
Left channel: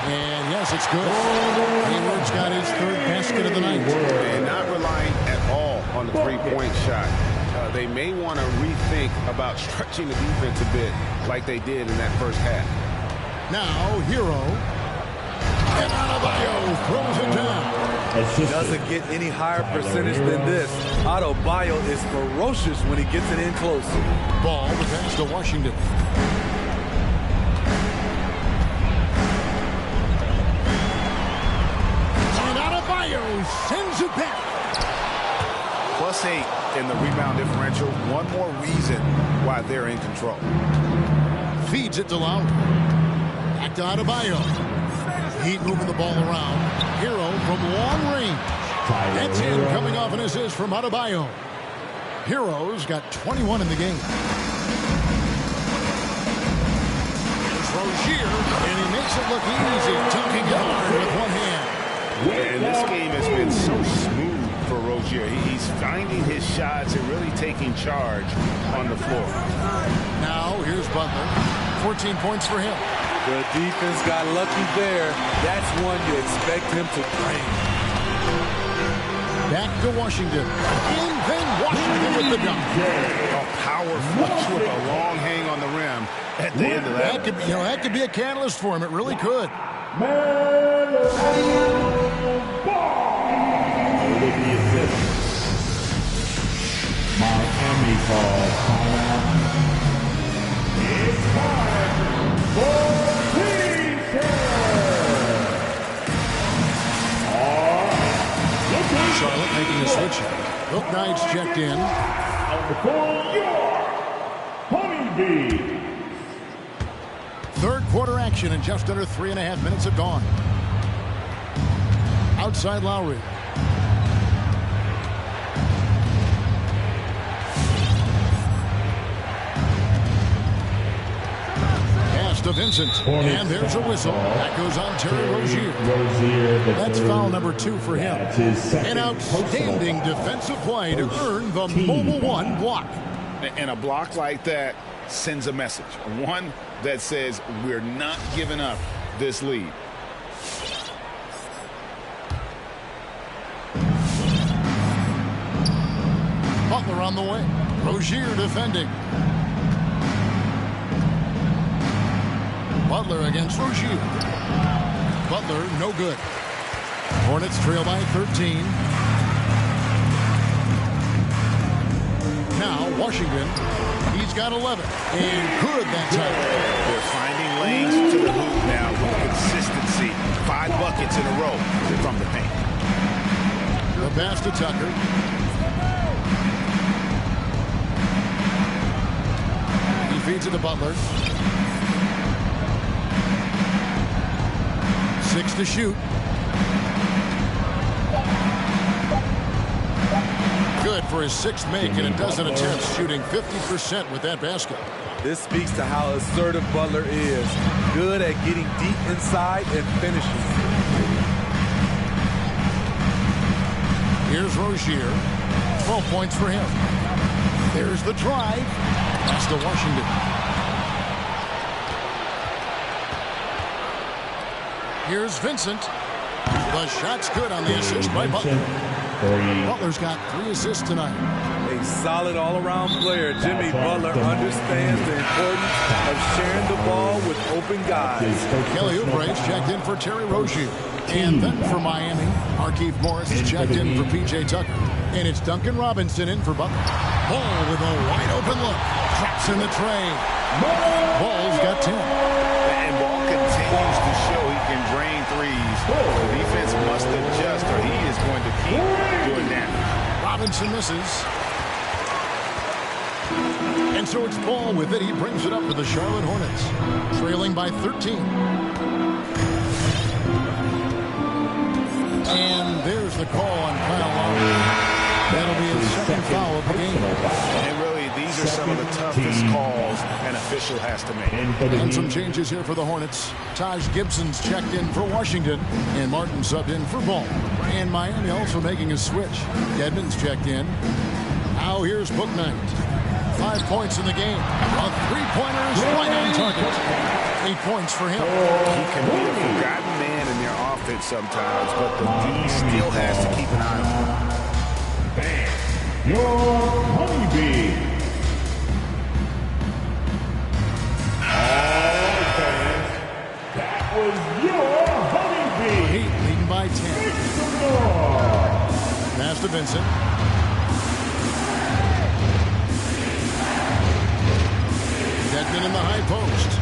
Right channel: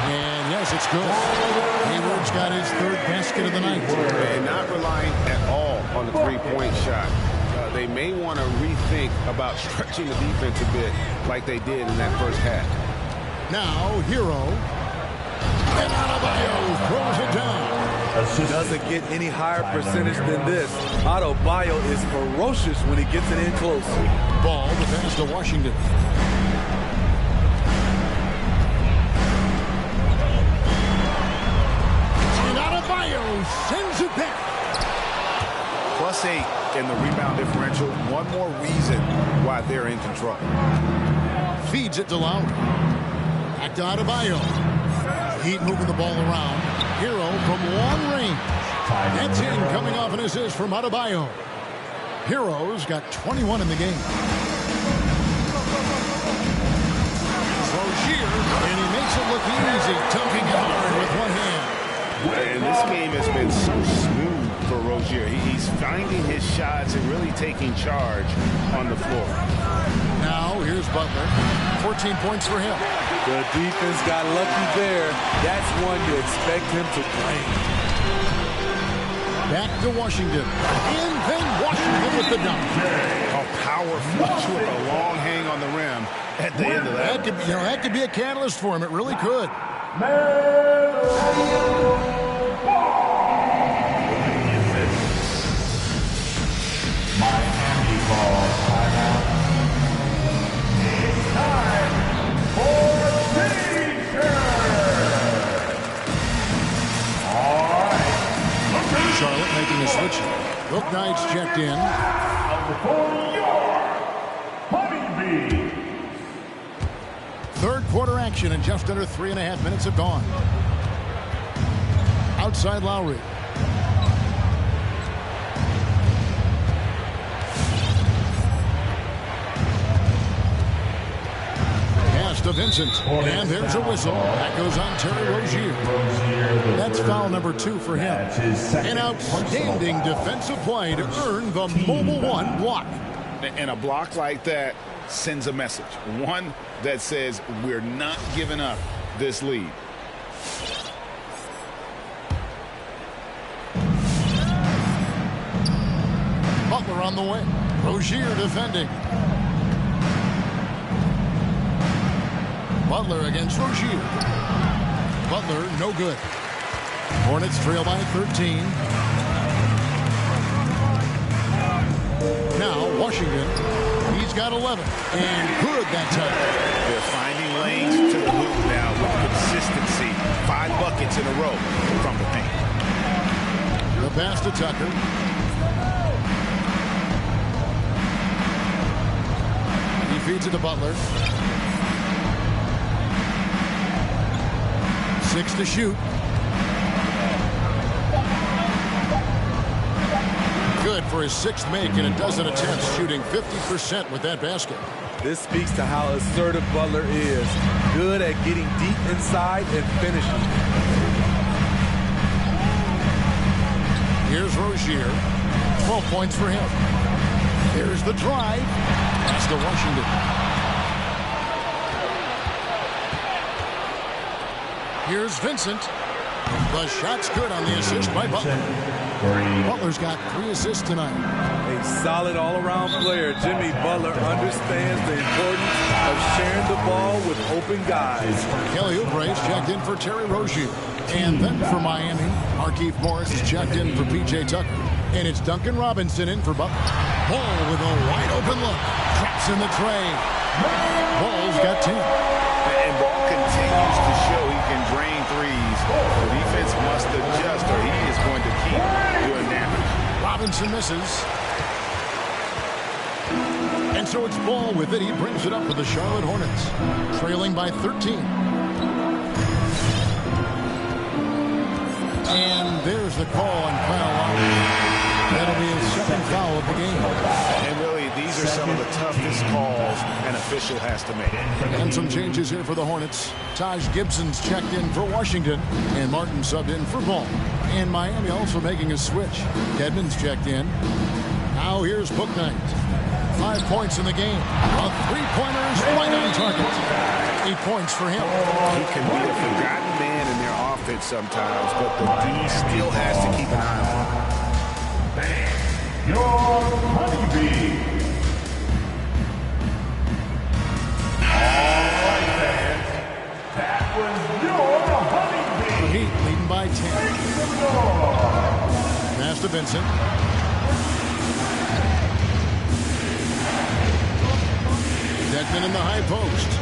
And yes, it's good. Hayward's got his third basket of the night. And not relying at all on the three-point shot. They may want to rethink about stretching the defense a bit like they did in that first half. Now, Hero. And Adebayo throws it down. Doesn't get any higher percentage than this. Adebayo is ferocious when he gets it in close. Ball, the pass to Washington. And Adebayo sends it back. +8 in the rebound differential. One more reason why they're in control. Feeds it to Lowry. Back to Adebayo. Heat moving the ball around. Hero from long range. That's in, coming off an assist from Adebayo. Hero's got 21 in the game. Here's Rozier, and he makes it look easy, dunking it hard with one hand. And this game has been so smooth for Rozier. He's finding his shots and really taking charge on the floor. Now, here's Butler. 14 points for him. The defense got lucky there. That's one you expect him to drain. Back to Washington. And then Washington with the dunk. A power flush with a long hang on the rim at the end of that. That could be a catalyst for him. It really could. Miami calls timeout. It's time for T-shirt. All right. Charlotte making a switch. Look Knight's checked in. For your Honeybees. Third quarter action and just under 3.5 minutes have gone. Outside Lowry. Pass to Vincent. And there's a whistle. That goes on Terry Rozier. That's foul number 2 for him. An outstanding defensive play to earn the Mobile One block. And a block like that sends a message. One that says we're not giving up this lead. Butler on the wing. Rozier defending. Butler against Rozier. Butler, no good. Hornets trail by 13. Now, Washington, he's got 11. And good that time. They're finding lanes to the hoop now with consistency. 5 buckets in a row from the paint. The pass to Tucker. He feeds it to Butler. 6 to shoot. Good for his 6th make in a dozen attempts, shooting 50% with that basket. This speaks to how assertive Butler is. Good at getting deep inside and finishing. Here's Rozier. 12 points for him. There's the drive. Pass to Washington. Here's Vincent. The shot's good on the assist by Butler. Butler's got 3 assists tonight. A solid all-around player. Jimmy Butler understands the importance of sharing the ball with open guys. Kelly Oubre's checked in for Terry Rozier. And then for Miami, Markieff Morris is checked in for P.J. Tucker. And it's Duncan Robinson in for Butler. Ball with a wide-open look. Drops in the tray. Ball's got 10. And Ball continues to show he can drain threes. The defense must adjust or he is going to keep doing damage. Robinson misses. And so it's Ball with it. He brings it up for the Charlotte Hornets. Trailing by 13. And there's the call on Kyle Lowry. That'll be his 2nd foul of the game. And really, these are some of the toughest calls an official has to make. And some changes here for the Hornets. Taj Gibson's checked in for Washington, and Martin subbed in for Ball. And Miami also making a switch. Dedmon's checked in. Now here's Bouknight. 5 points in the game. A 3-pointer is right on target. 8 points for him. He can be a forgotten man in their offense sometimes, but the D still has to keep an eye on him. Your honeybee. All right, fans. That was your honeybee. The Heat leading by 10. Pass to Vincent. Dedmon in the high post.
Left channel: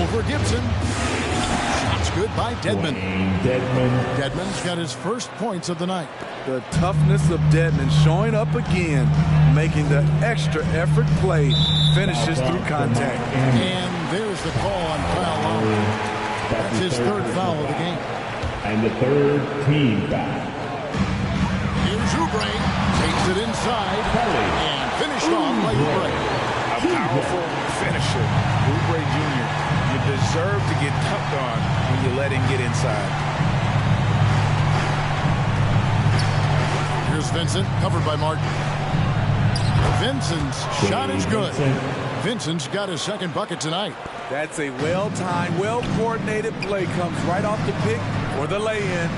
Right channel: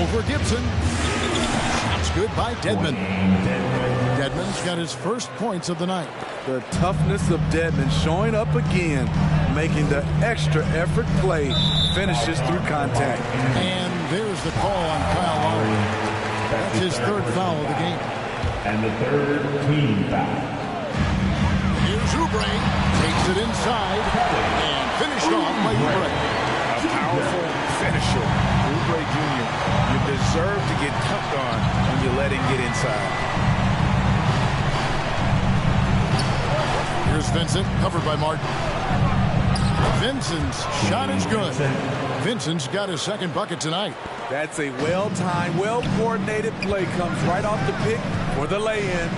Over Gibson. Shots good by Dedmon. Dedmon's got his first points of the night. The toughness of Dedmon showing up again, making the extra effort play, finishes through contact. And there's the call on Kyle Lowry. That's his 3rd foul of the game. And the 3rd team foul. Here's Oubre. Takes it inside and finished off by Oubre. A powerful finisher, Oubre Jr. You deserve to get dunked on when you let him get inside. Here's Vincent, covered by Martin. Vincent's shot is good. Vincent's got his 2nd bucket tonight. That's a well-timed, well-coordinated play. Comes right off the pick for the lay-in.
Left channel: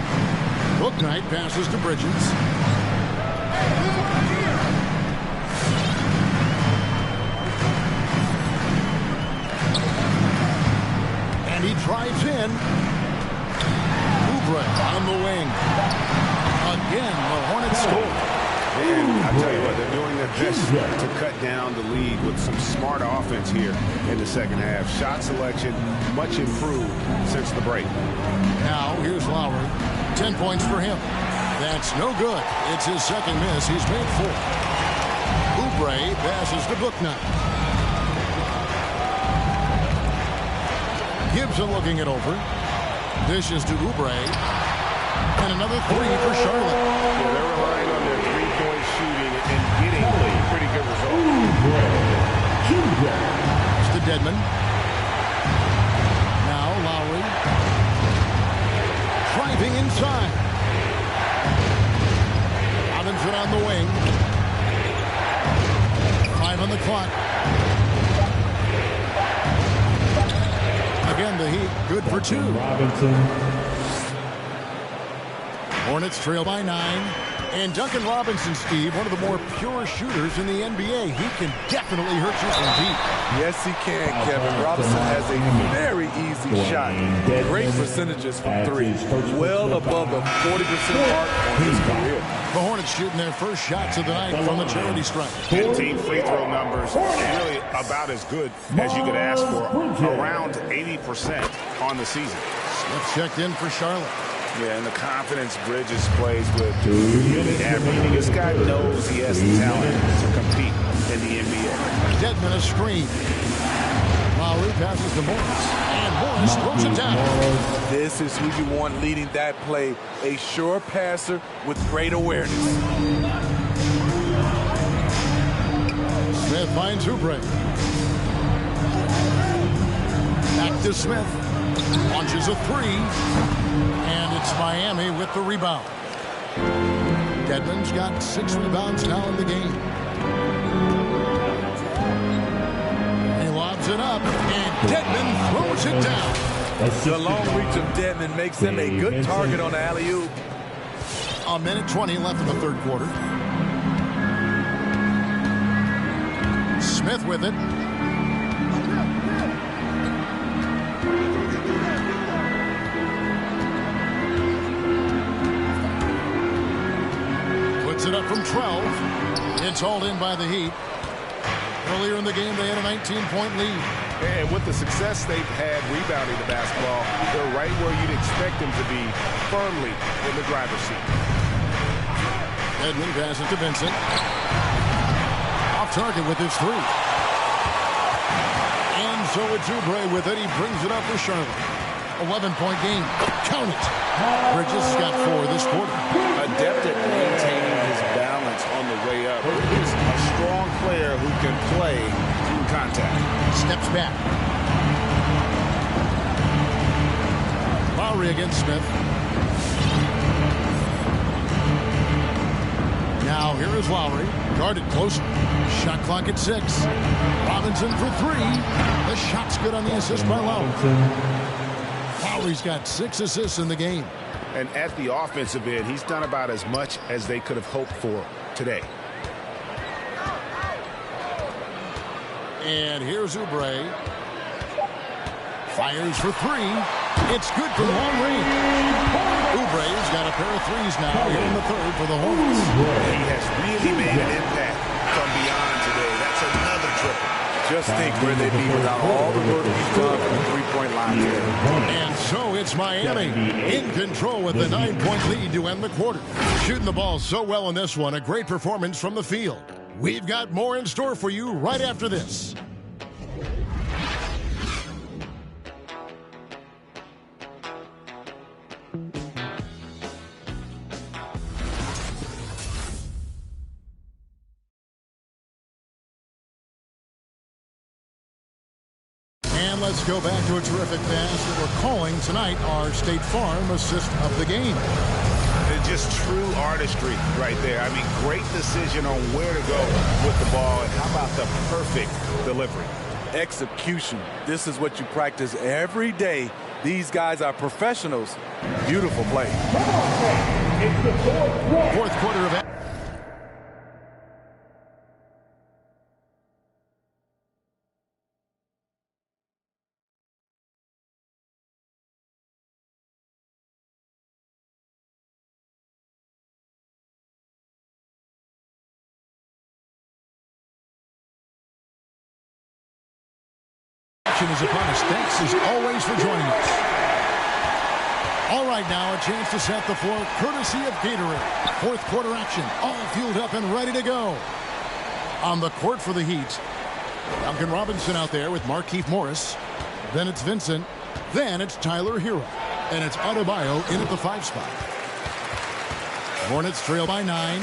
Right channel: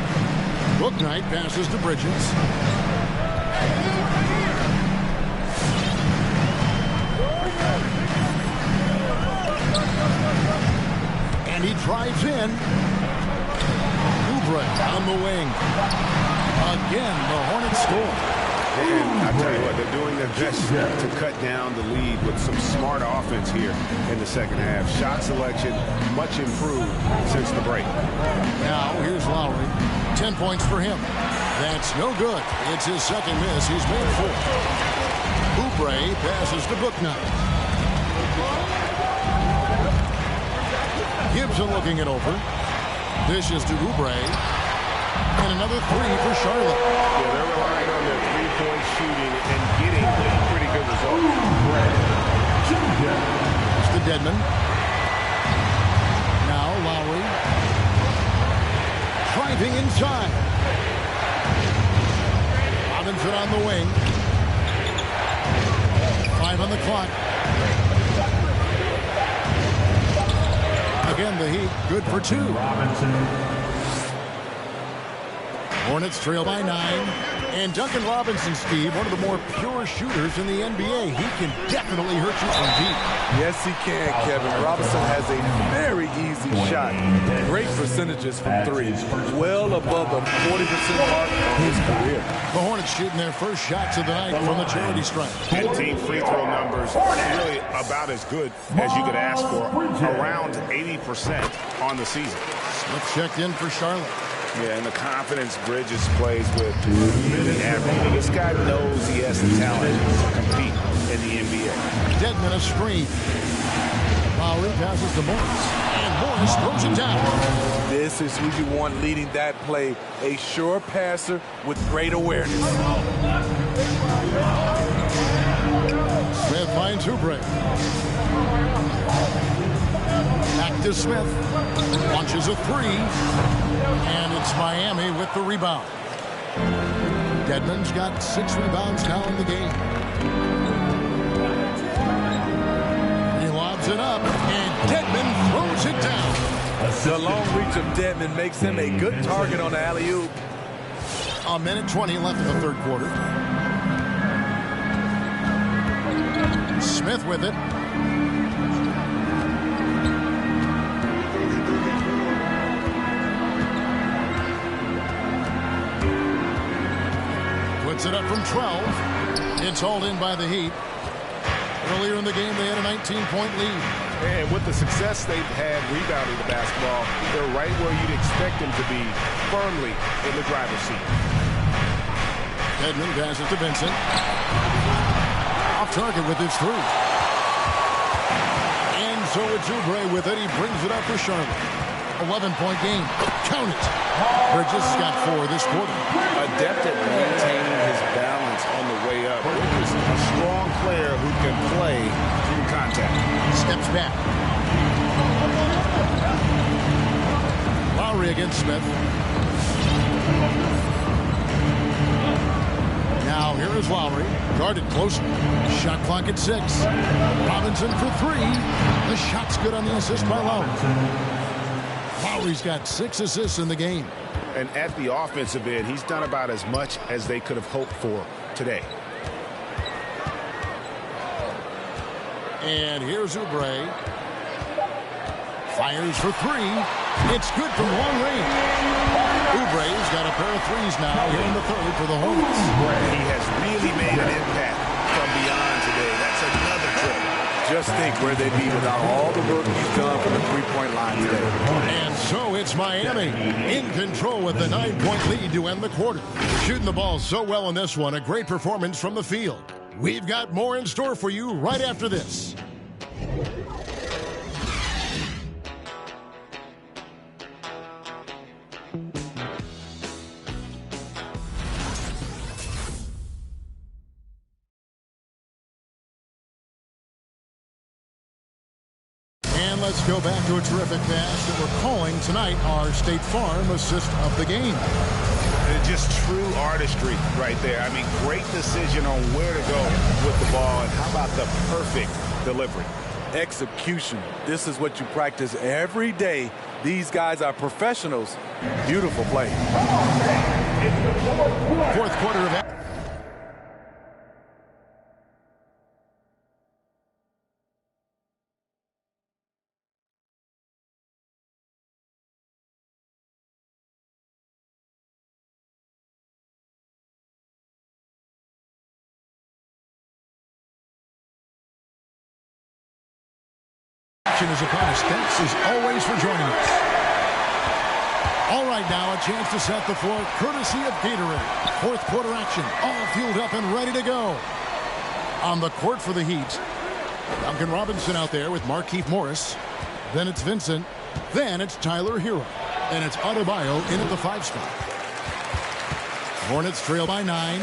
Bouknight passes to Bridges. And he drives in. Oubre on the wing. Again, the Hornets score. And I tell you what, they're doing their best to cut down the lead with some smart offense here in the 2nd half. Shot selection much improved since the break. Now here's Lowry. 10 points for him. That's no good. It's his 2nd miss. He's made 4. Oubre passes to Bouknight. Gibson looking it over. Dishes to Oubre. And another 3 for Charlotte. Yeah, they're relying on their 3-point shooting and getting pretty good results. That's to Dedmon. Now Lowry. Driving inside. Robinson on the wing. 5 on the clock. Again, the Heat good for 2. Robinson. Hornets trail by 9. And Duncan Robinson, Steve, one of the more pure shooters in the NBA. He can definitely hurt you from deep. Yes, he can, Kevin. Robinson has a very easy shot. Great percentages from 3. Well above the 40% mark on his career. The Hornets shooting their first shots of the night from the charity stripe. And team free throw numbers really about as good as you could ask for. Around 80% on the season. Smith checked in for Charlotte. Yeah, and the confidence Bridges plays with really admirable. This guy knows he has the talent to compete in the NBA. Deadman a screen. Lowry passes to Morris, and Morris throws it down. This is who you want leading that play. A sure passer with great awareness. Smith finds Oubre. Back to Smith. Launches a 3. And it's Miami with the rebound. Deadman's got 6 rebounds now in the game. He lobs it up, and Deadman throws it down. The long reach of Deadman makes him a good target on the alley-oop. A minute 20 left in the third quarter. Smith with it. Puts it up from 12. It's hauled in by the Heat. Earlier in the game, they had a 19-point lead. And with the success they've had rebounding the basketball, they're right where you'd expect them to be, firmly in the driver's seat. Deadman passes to Vincent. Off target with his 3. And so it's Oubre with it. He brings it up for Charlotte. 11-point game. Count it. Bridges has got 4 this quarter. Adept at maintaining his balance on the way up. Bridges, a strong player who can play through contact. Steps back. Lowry against Smith. Now here is Lowry. Guarded closely. Shot clock at 6. Robinson for 3. The shot's good on the assist by Lowry. Lowry's got 6 assists in the game. And at the offensive end, he's done about as much as they could have hoped for today. And here's Oubre. Fires for 3. It's good from long range. Oubre's got a pair of 3s now here in the third for the Hornets. He has really made an impact from beyond today. That's another triple. Just think where they'd be without all the work he's done from the three-point line today. And so it's Miami in control with the 9-point lead to end the quarter. Shooting the ball so well in this one, a great performance from the field. We've got more in store for you right after this. And let's go back to a terrific pass that we're calling tonight our State Farm assist of the game. Just true artistry right there. I mean, great decision on where to go with the ball, and how about the perfect delivery? Execution. This is what you practice every day. These guys are professionals. Beautiful play. Fourth quarter of action is upon us. Thanks as always for joining us. All right, now a chance to set the floor courtesy of Gatorade. Fourth quarter action, all fueled up and ready to go. On the court for the Heat, Duncan Robinson out there with Markieff Morris. Then it's Vincent. Then it's Tyler Hero. And it's Adebayo in at the 5 spot. Hornets trail by 9.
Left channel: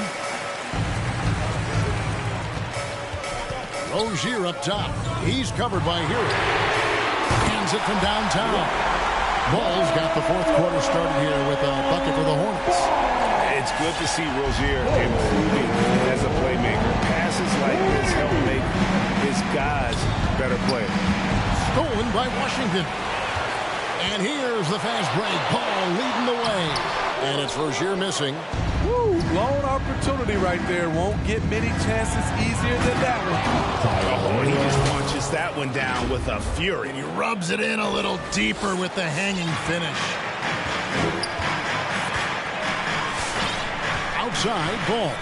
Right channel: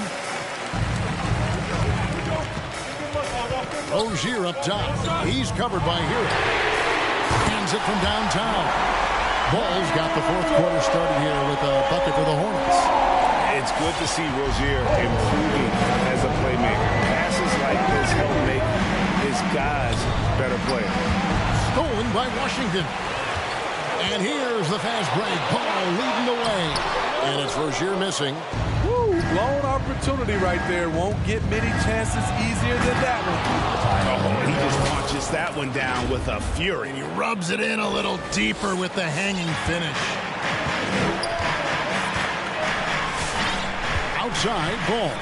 Rozier up top. He's covered by Hero. Hands it from downtown. Ball's got the fourth quarter started here with a bucket for the Hornets. It's good to see Rozier improving as a playmaker. Passes like this help make his guys better players. Stolen by Washington. And here's the fast break. Paul leading the way. And it's Rozier missing. Woo, blown opportunity right there. Won't get many chances easier than that one. Oh, he just punches that one down with a fury. And he rubs it in a little deeper with the hanging finish. Outside, Ball.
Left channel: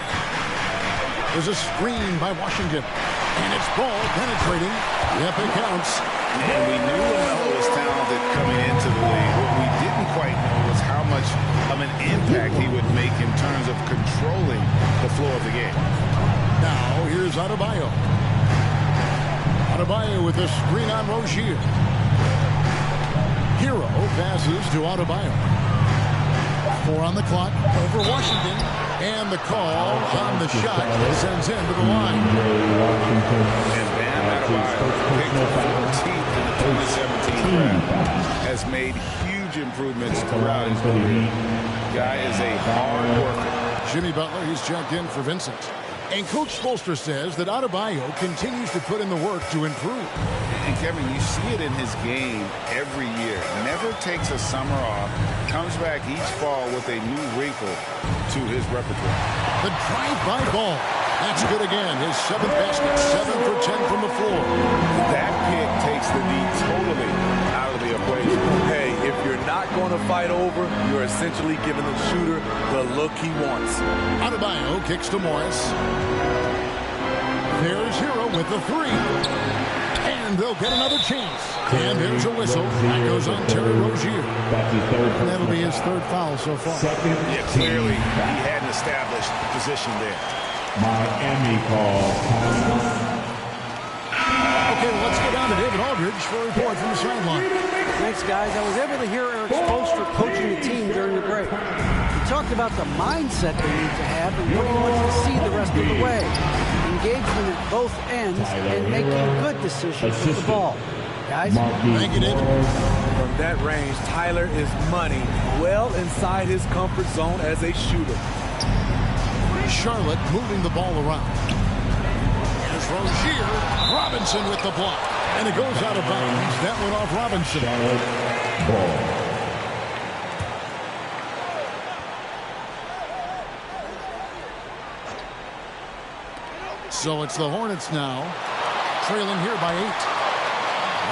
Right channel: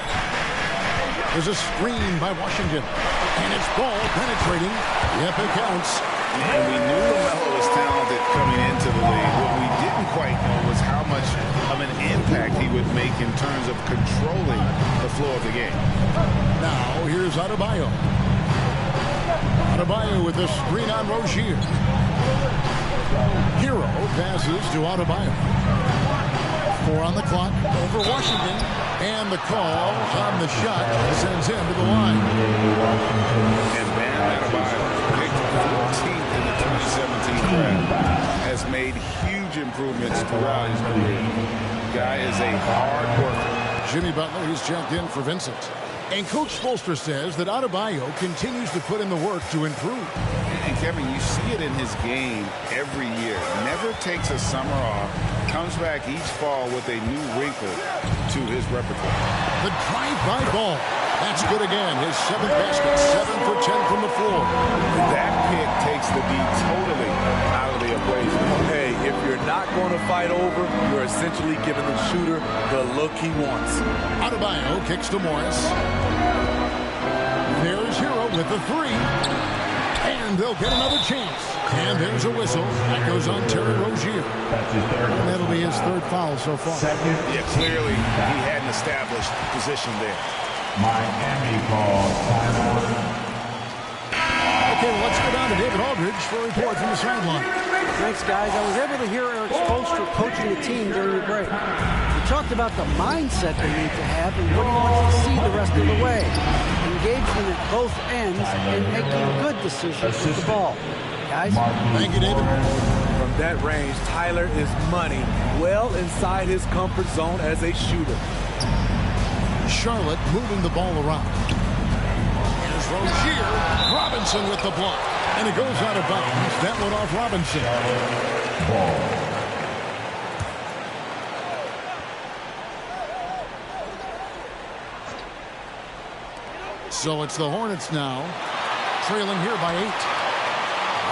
There's a screen by Washington. And it's Ball penetrating. Yep, it counts. And we knew LaMelo was talented coming into the league. What we didn't quite know was how much of an impact he would make in terms of controlling the flow of the game. Now, here's Adebayo. Adebayo with a screen on Rozier. Hero passes to Adebayo. 4 on the clock over Washington. And the call on the shot sends him to the line. And Bam Adebayo, picked 14th in the 2017 draft, has made huge improvements throughout his career. Guy is a hard worker. Jimmy Butler, he's checked in for Vincent. And Coach Spoelstra says that Adebayo continues to put in the work to improve. And Kevin, you see it in his game every year. Never takes a summer off. Comes back each fall with a new wrinkle to his repertoire. The drive-by Ball. That's good again. His 7th basket. 7 for 10 from the floor. That pick takes the D totally out of the equation. Hey, if you're not going to fight over, you're essentially giving the shooter the look he wants. Adebayo kicks to Morris. There's Hero with the 3. And they'll get another chance. And there's a whistle. That goes on Terry Rozier. That's his third. And that'll be his 3rd foul so far. Yeah, clearly he had an established position there. Miami called timeout. Okay, well, let's go down to David Aldridge for a report from the sideline. Thanks, guys. I was able to hear Eric Spoelstra coaching the team during the break. He talked about the mindset they need to have and what he wants to see the rest of the way. Engagement at both ends and making good decisions with the ball. Guys? Thank you, David. From that range, Tyler is money, well inside his comfort zone as a shooter. Charlotte moving the ball around. Here's Rozier. Robinson with the block. And it goes out of bounds. That went off Robinson. Charlotte ball. So it's the Hornets now, trailing here by 8.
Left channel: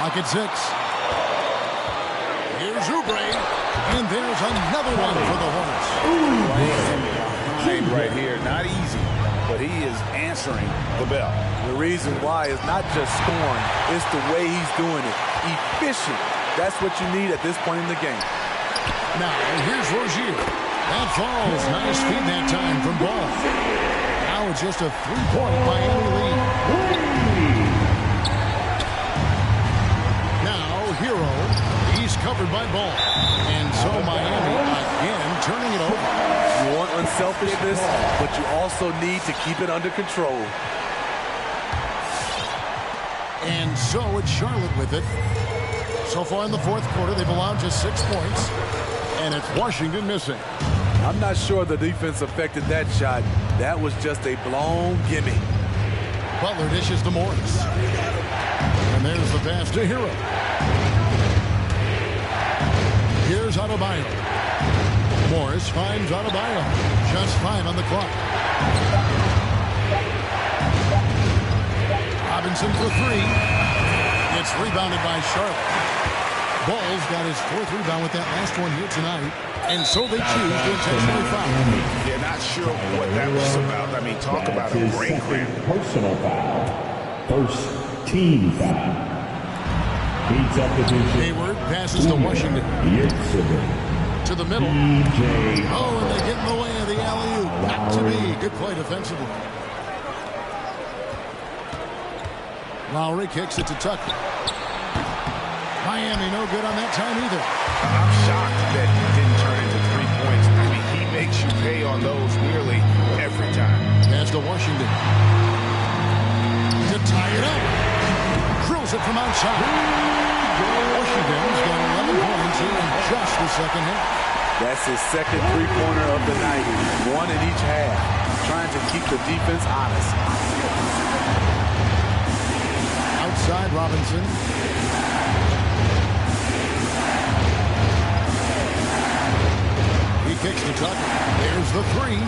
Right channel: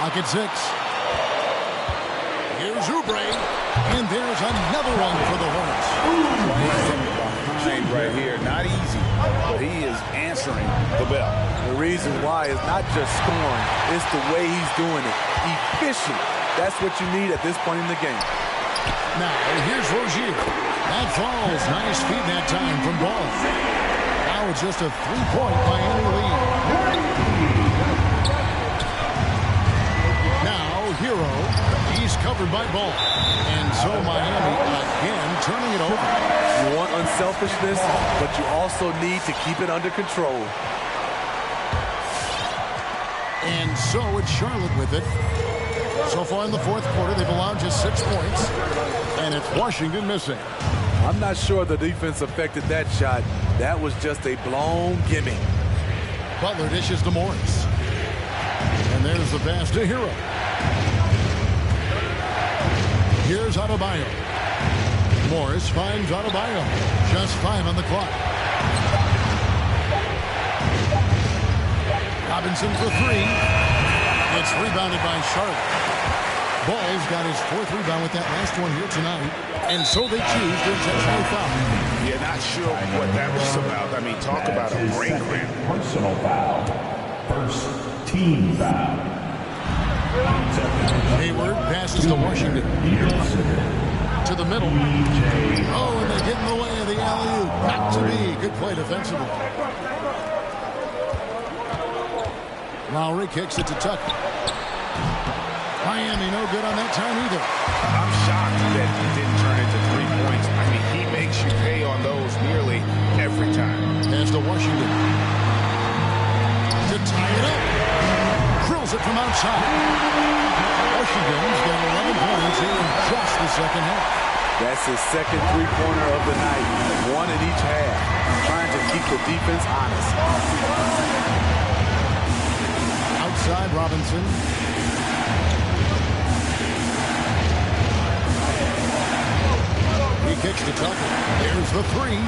Lock at 6. Here's Oubre. And there's another one for the Hornets. Playing him behind right here. Not easy, but he is answering the bell. The reason why is not just scoring, it's the way he's doing it. Efficient. That's what you need at this point in the game. Now, here's Rozier. That falls. Nice feed that time from Ball. Now it's just a 3-point Miami lead. Now, Hero. He's covered by Ball. And so Miami again turning it over. You want unselfishness, but you also need to keep it under control. And so it's Charlotte with it. So far in the 4th quarter, they've allowed just 6 points. And it's Washington missing. I'm not sure the defense affected that shot. That was just a blown gimme. Butler dishes to Morris. And there's the pass to Hero. Here's Adebayo. Morris finds Adebayo. Just 5 on the clock. Robinson for 3. It's rebounded by Charlotte. Ball's got his 4th rebound with that last one here tonight. And so they choose to intentionally foul. Yeah, not sure what that was about. I mean, talk about a brain cramp. Personal foul. First team foul. Hayward passes to Washington. To the middle. Oh, and they get in the way of the alley-oop. Not to be. Good play defensively. Lowry kicks it to Tucker. Miami no good on that time either. I'm shocked that didn't turn into 3 points. I mean, he makes you pay on those nearly every time. Pass to Washington. To tie it up. Drills it from outside. Washington's got 11 points here in just the second half. That's his second three-pointer of the night, one in each half, trying to keep the defense honest. Outside Robinson. He kicks to Tucker. There's the three.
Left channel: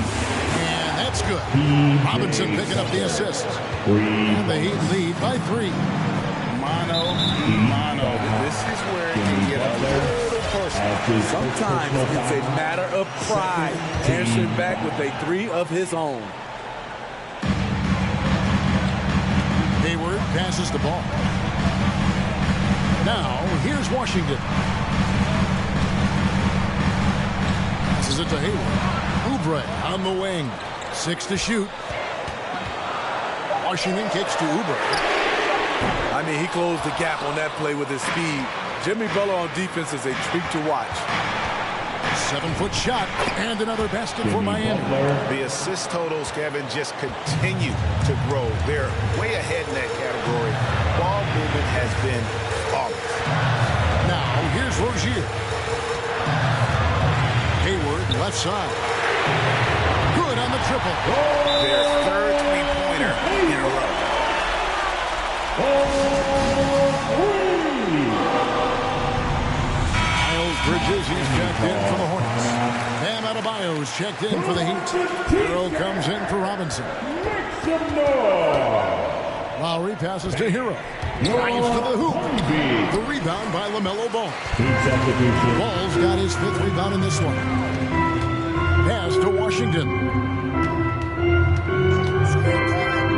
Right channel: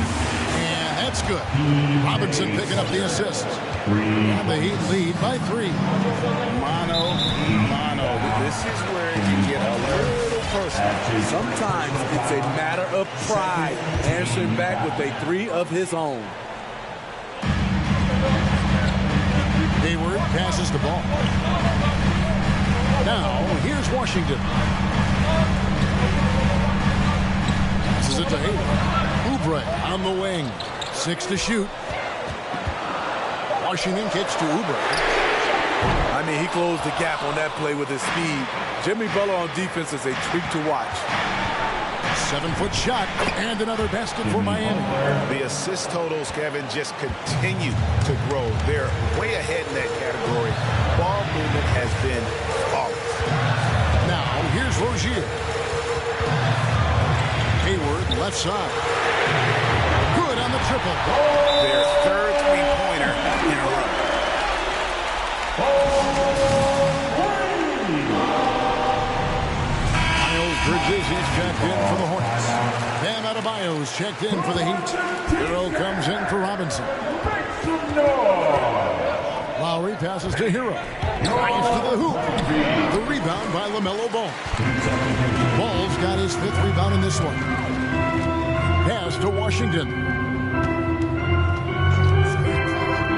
And that's good. Robinson picking up the assist. And the Heat lead by 3. Mano y mano. This is where it can get a little personal. Sometimes it's a matter of pride. Answering back with a 3 of his own. Hayward passes the ball. Now, here's Washington. Passes it to Hayward. Oubre on the wing. 6 to shoot. Washington kicks to Oubre. I mean, he closed the gap on that play with his speed. Jimmy Butler on defense is a treat to watch. 7-foot shot and another basket for Miami. The assist totals, Kevin, just continue to grow. They're way ahead in that category. Ball movement has been flawless. Now, here's Rozier. Hayward, left side. Good on the triple. Their third three-pointer in a row. Miles Bridges, he's checked in for the Hornets. Bam Adebayo's checked in for the Heat. Hero comes in for Robinson. Lowry passes to Hero. Drives to the hoop. The rebound by LaMelo Ball. Ball's got his 5th rebound in this one. Pass to Washington.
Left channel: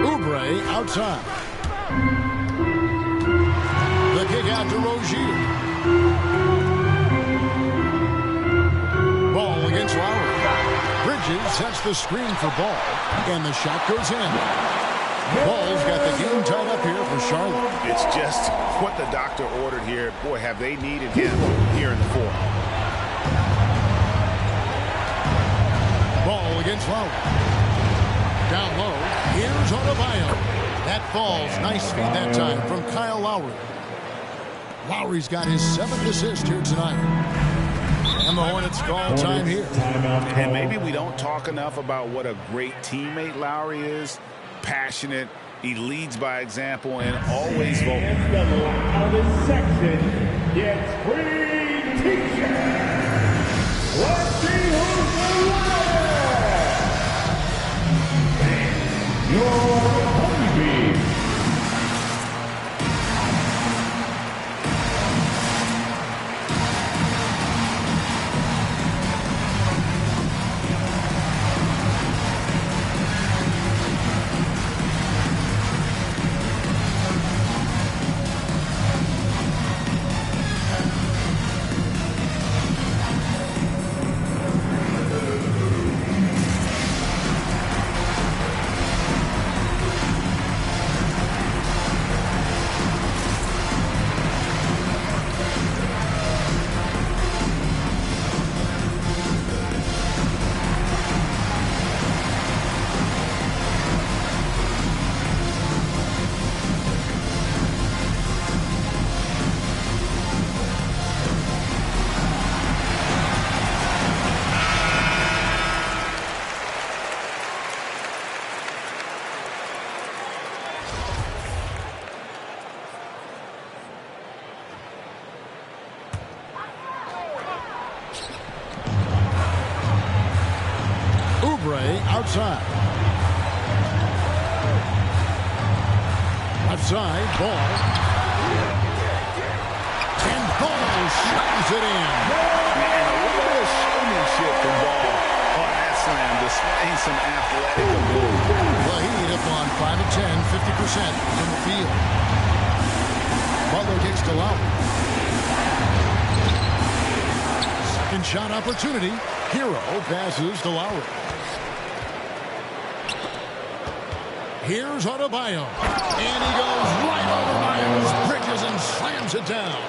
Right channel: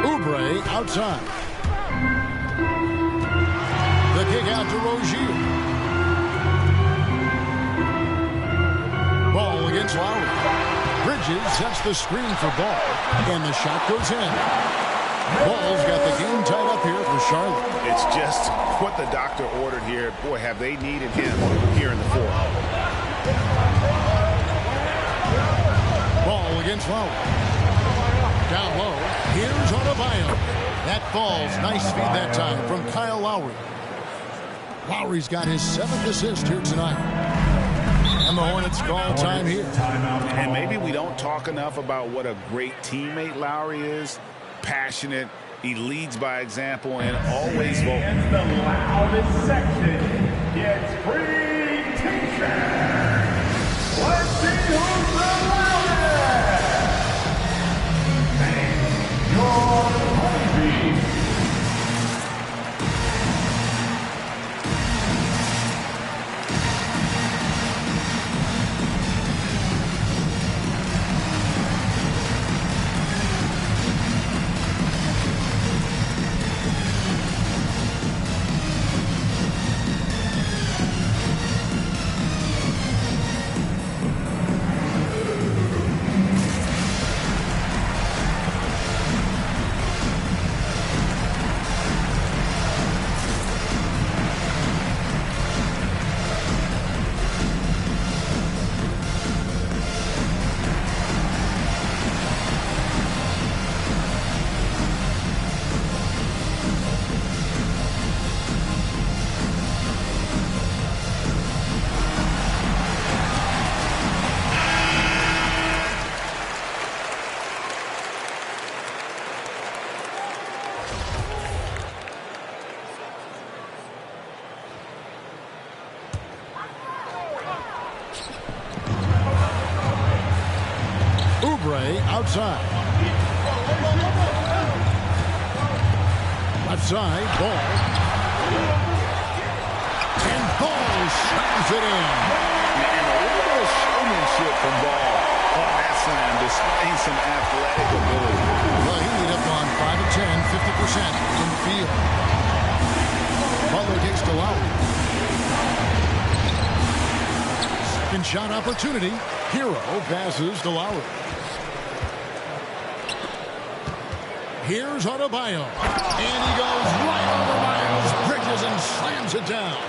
Oubre outside. The kick out to Rozier. Ball against Lowry. Bridges sets the screen for Ball. And the shot goes in. Ball's got the game tied up here for Charlotte. It's just what the doctor ordered here. Boy, have they needed him here in the 4th. Ball against Lowry. Down low. Here's Adebayo. That falls. Nice feed that time from Kyle Lowry. Lowry's got his 7th assist here tonight. And the Hornets call time here. And maybe we don't talk enough about what a great teammate Lowry is. Passionate. He leads by example and always vocal. And the loudest section gets free t-shirts. Let's see who's the loudest. And your honeybee. Oubre outside. Left side, Ball. And Ball slams it in. And a little bit of showmanship from Ball on that slam, displaying some athletic ability. The Heat have gone 5 of 10, 50% from the field. Butler kicks to Lowry. Second shot opportunity. Hero passes to Lowry. Here's Adebayo. And he goes right over Miles Bridges and slams it down.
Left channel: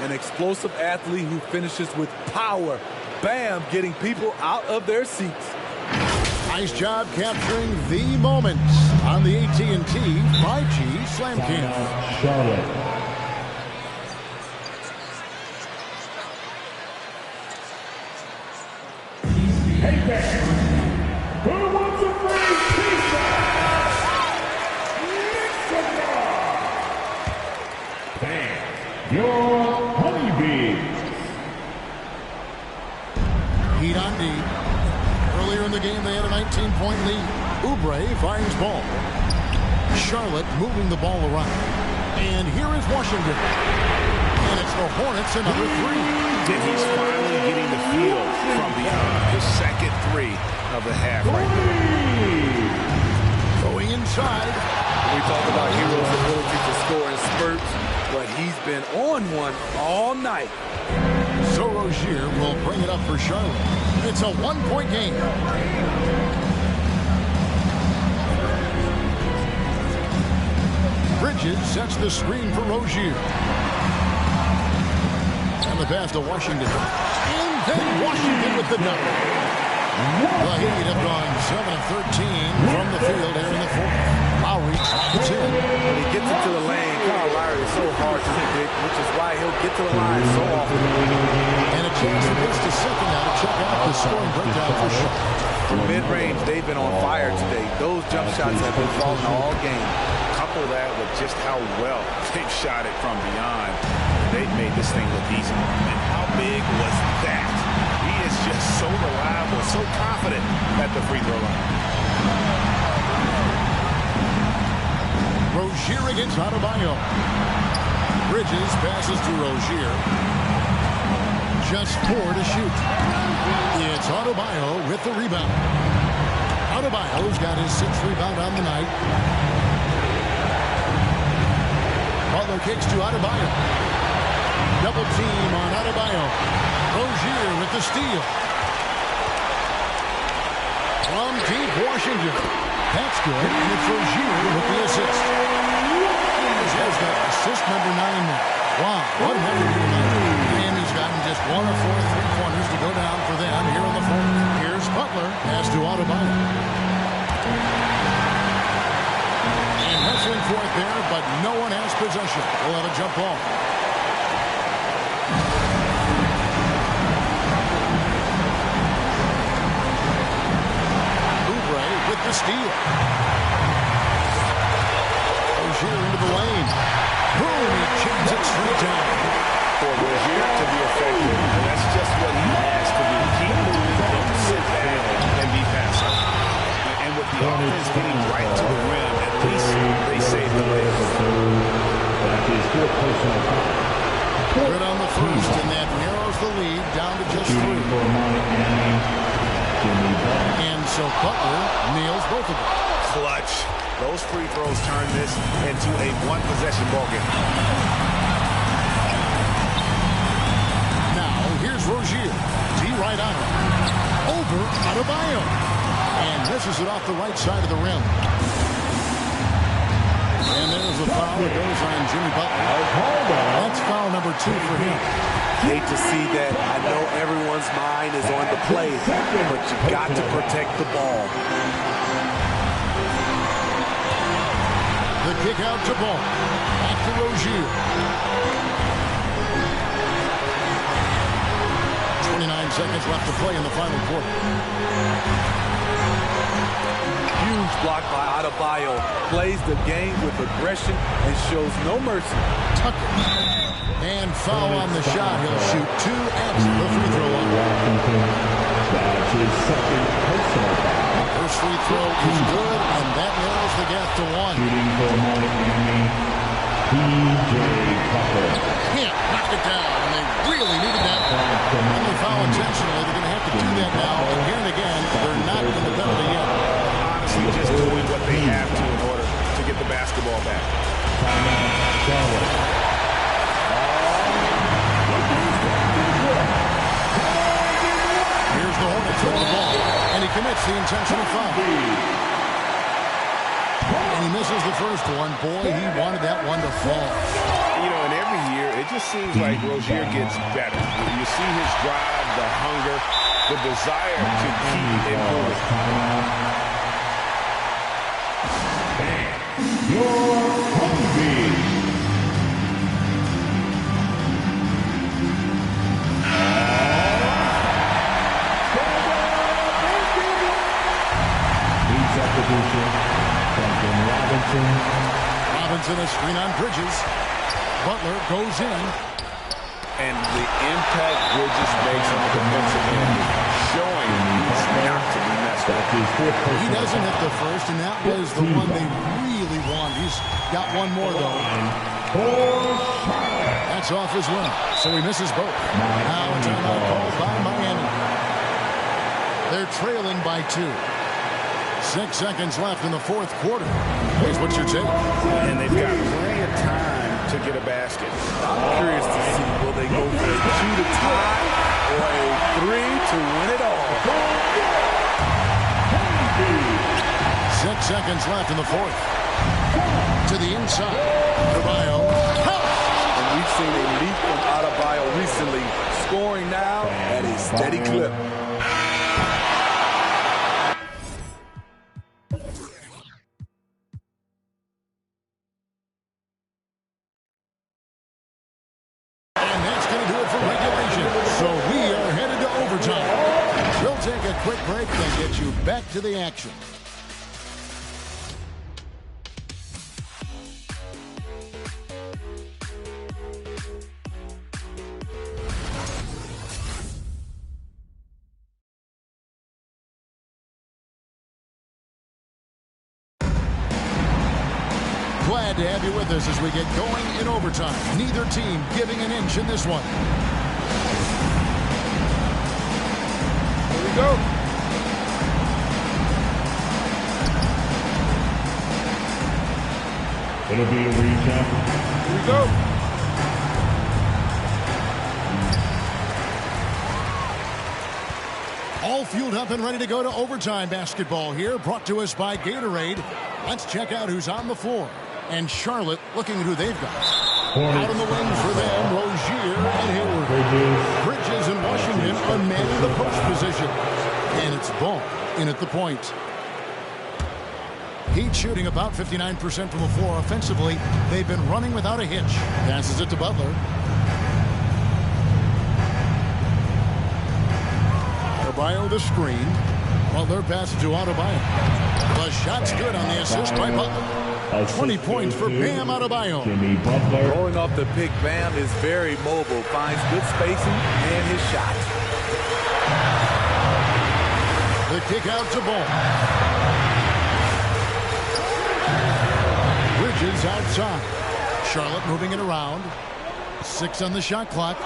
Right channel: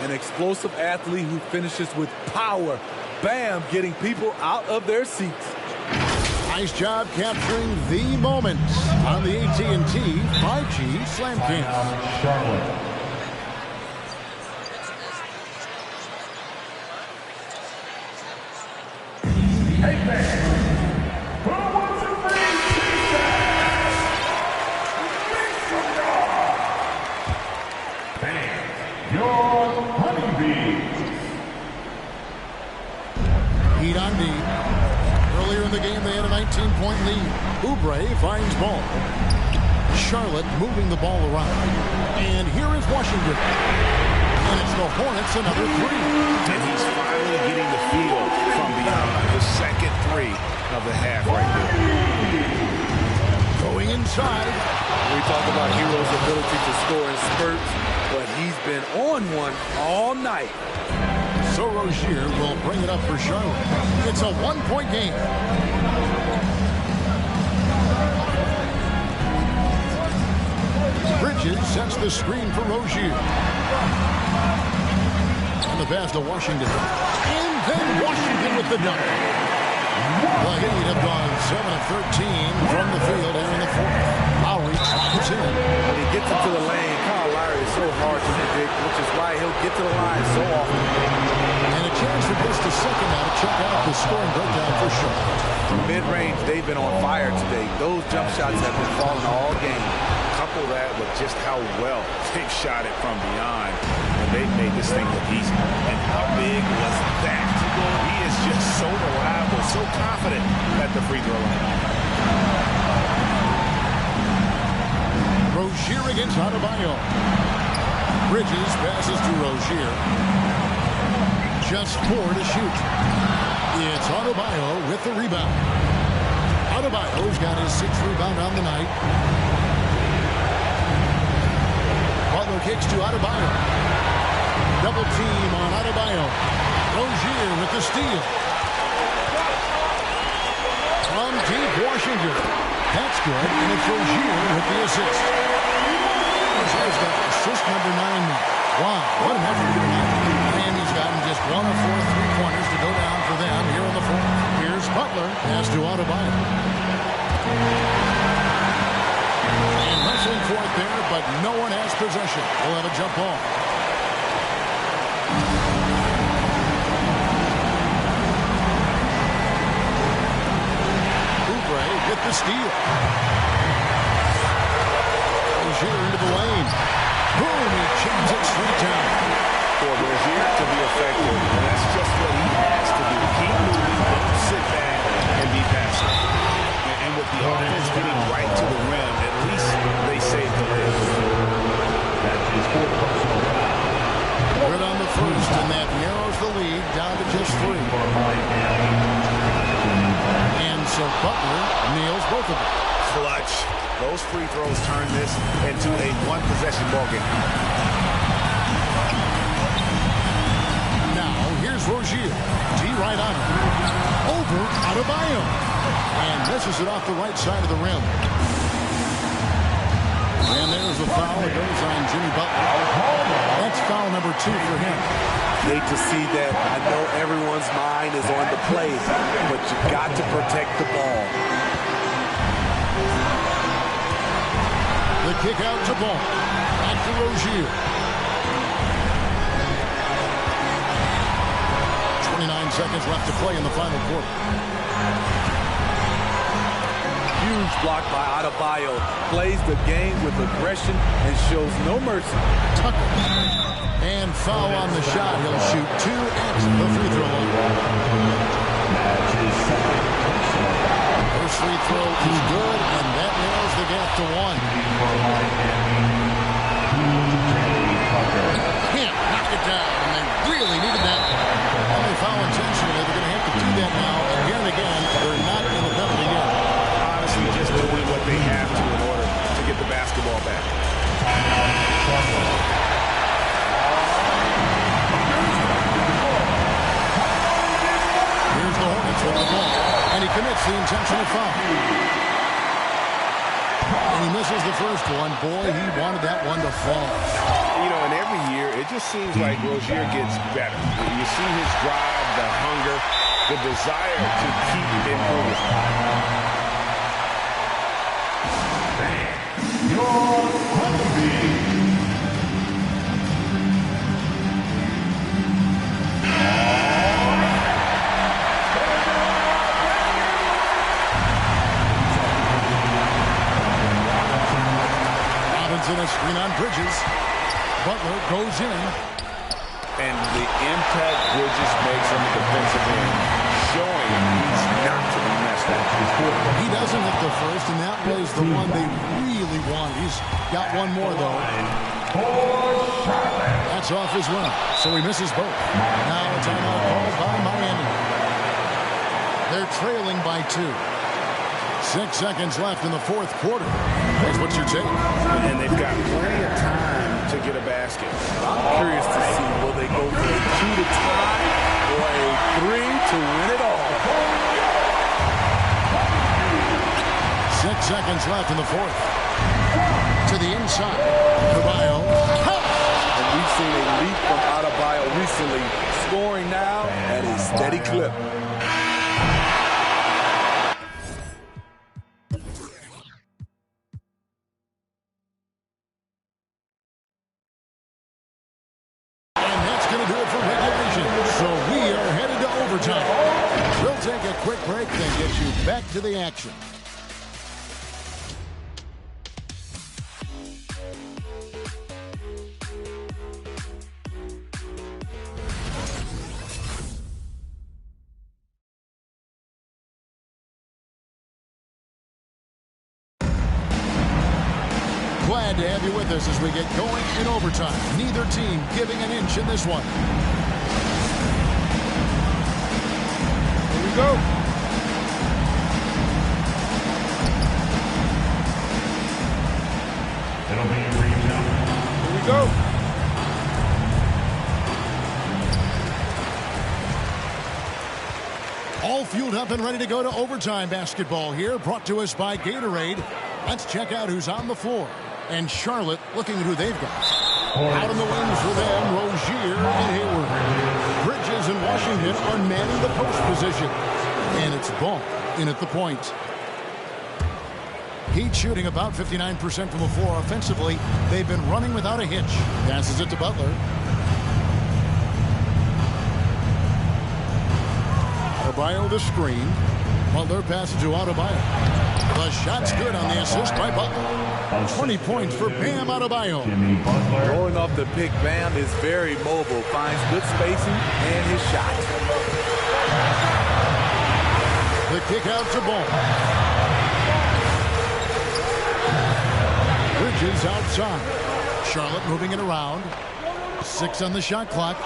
An explosive athlete who finishes with power. Bam, getting people out of their seats. Nice job capturing the moments on the AT&T 5G Slam Cam. Charlotte. Hey fans, who wants a free pizza? Mexico! Fans, your honeybees. Heat on D. Earlier in the game, they had a 19-point lead. Oubre finds ball. Charlotte moving the ball around. And here is Washington. And it's the Hornets, another three. And he's finally getting the feel from beyond. His second three of the half right there. Going inside. We talk about Hero's ability to score in spurts, but he's been on one all night. So Rozier will bring it up for Charlotte. It's a one-point game. Bridges sets the screen for Rozier. And the pass to Washington. And then Washington with the dunk. The Heat have gone 7 of 13 from the field here in the fourth. Lowry drops in. When he gets into the lane, Kyle Lowry is so hard to predict, which is why he'll get to the line so often. And a chance for just a second now to check out the scoring breakdown for Charlotte. From mid-range, they've been on fire today. Those jump shots have been falling all game. Couple that with just how well they've shot it from beyond, and they've made this thing look easy. And how big was that? He is just so reliable, so confident at the free throw line. Rozier against Adebayo. Bridges passes to Rozier. Just 4 to shoot. It's Adebayo with the rebound. Adebayo's got his 6th rebound on the night. Butler kicks to Adebayo. Double team on Adebayo. Rozier with the steal. From deep Washington. That's good, and it's Rozier with the assist. Rozier's got assist number 9 now. Wow, what an effort here tonight. Miami's gotten just 1 of 4 3-pointers to go down for them here in the fourth. Here's Butler, pass to Adebayo. And wrestling for it there, but no one has possession. We'll have a jump ball. Oubre with the steal. Rozier into the lane. Boom, he jams it straight down. For Rozier to be effective, and that's just what he has to do. Keep moving, don't sit back and be passive. And with the offense getting right to the rim, at least they saved the layup. That's his 4th personal foul. Good on the first, and that narrows the lead down to just 3. And so Butler nails both of them. Clutch. Those free throws turn this into a one-possession ball game. Now, here's Rozier. D right on him. Over Adebayo. And misses it off the right side of the rim. And there's the foul that goes on Jimmy Butler. That's foul number 2 for him. Hate to see that. I know everyone's mind is on the play, but you got to protect the ball. The kick out to Ball. Back to Rozier. 29 seconds left to play in the final quarter. Huge block by Adebayo. Plays the game with aggression and shows no mercy. Tucker. And foul on the shot. He'll shoot 2 at the free throw line. That's his 2nd personal foul. First free throw is good, and that narrows the gap to 1. Shooting for Miami, P.J. Tucker. Can't knock it down, and they really needed that one. And they foul intentionally. They're going to have to do that now again and again. They're not in the penalty yet. Honestly, just doing what they have to in order to get the basketball back. Timeout, Charlotte. Here's the Hornets with the ball, and he commits the intentional foul. And he misses the first one. Boy, he wanted that one to fall. You know, and every year, it just seems like Rozier gets better. You see his drive, the hunger, the desire to keep improving. Your honeybee. Sends in a screen on Bridges. Butler goes in. And the impact Bridges makes on the defensive end, showing he's not to be messed with. He doesn't hit the first, and that was the one they really wanted. He's got one more, though. That's off as well, so he misses both. Now a timeout called by Miami. They're trailing by 2. 6 seconds left in the fourth quarter. Guys, what's your take? And they've got plenty of time to get a basket. I'm curious to see, will they go for a 2 to tie or a 3 to win it all? 6 seconds left in the fourth. To the inside. Adebayo. And we've seen a leap from Adebayo recently, scoring now at a steady clip. So we are headed to overtime. We'll take a quick break, then get you back to the action. Glad to have you with us as we get going in overtime. Neither team giving an inch in this one. Here we go. It'll be a re-jump. Here we go. All fueled up and ready to go to overtime basketball here, brought to us by Gatorade. Let's check out who's on the floor. And Charlotte looking at who they've got. Out on the wings for them, Rozier and Hayward. Bridges and Washington are manning the post position. And it's Ball in at the point. Heat shooting about 59% from the floor offensively. They've been running without a hitch. Passes it to Butler. Adebayo the screen. Butler passes to Adebayo. The shot's good on the assist by Butler. 20 points for Bam Adebayo. Jimmy Butler. Rolling off the pick, Bam is very mobile, finds good spacing and his shot. The kick out to Ball. Bridges outside. Charlotte moving it around. 6 on the shot clock.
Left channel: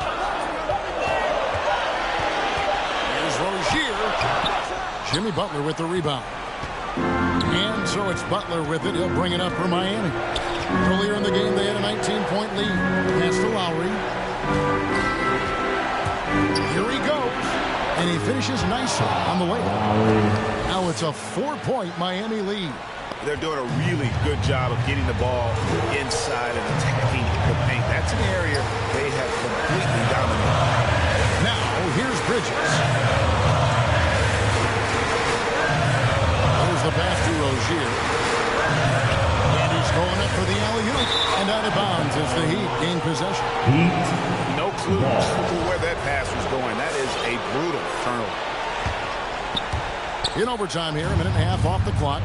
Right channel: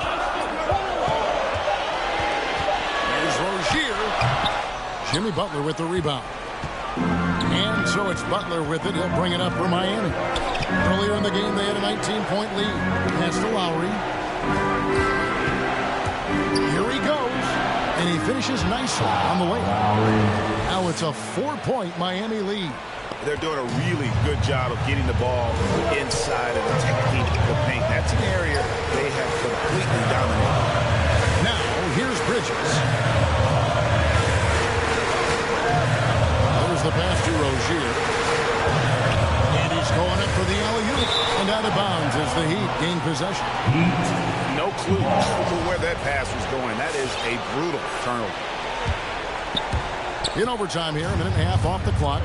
Here's Rozier. Jimmy Butler with the rebound. And so it's Butler with it. He'll bring it up for Miami. Earlier in the game, they had a 19-point lead. Pass to Lowry. Here he goes. And he finishes nicely on the way. Now it's a 4-point Miami lead. They're doing a really good job of getting the ball inside and attacking the paint. That's an area they have completely dominated. Now, here's Bridges. The pass to Rozier. And he's going up for the alley-oop. And out of bounds as the Heat gain possession. Heat. No clue where that pass was going. That is a brutal turnover. In overtime here, a minute and a half off the clock.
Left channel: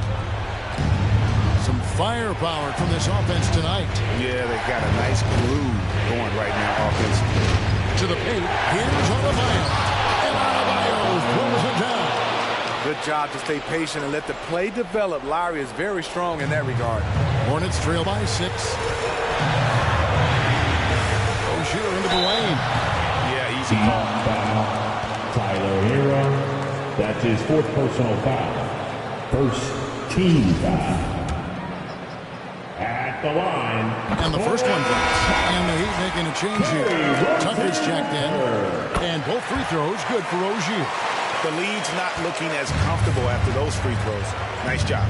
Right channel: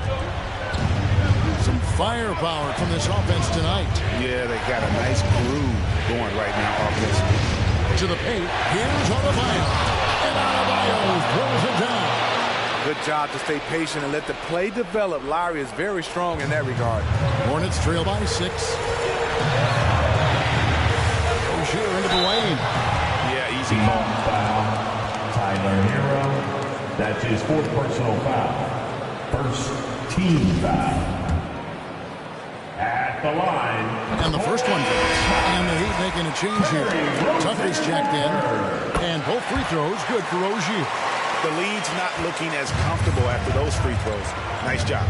Some firepower from this offense tonight. Yeah, they got a nice groove going right now offensively. To the paint. Here's Adebayo. And Adebayo throws it down. Good job to stay patient and let the play develop. Lowry is very strong in that regard. Hornets trail by 6. Rozier into the lane. Yeah, easy call. Foul. Tyler Hero. That's his 4th personal foul. First team foul. At the line. And the first one drops. And the Heat making a change here. Tucker's checked in. And both free throws good for Rozier. The lead's not looking as comfortable after those free throws. Nice job.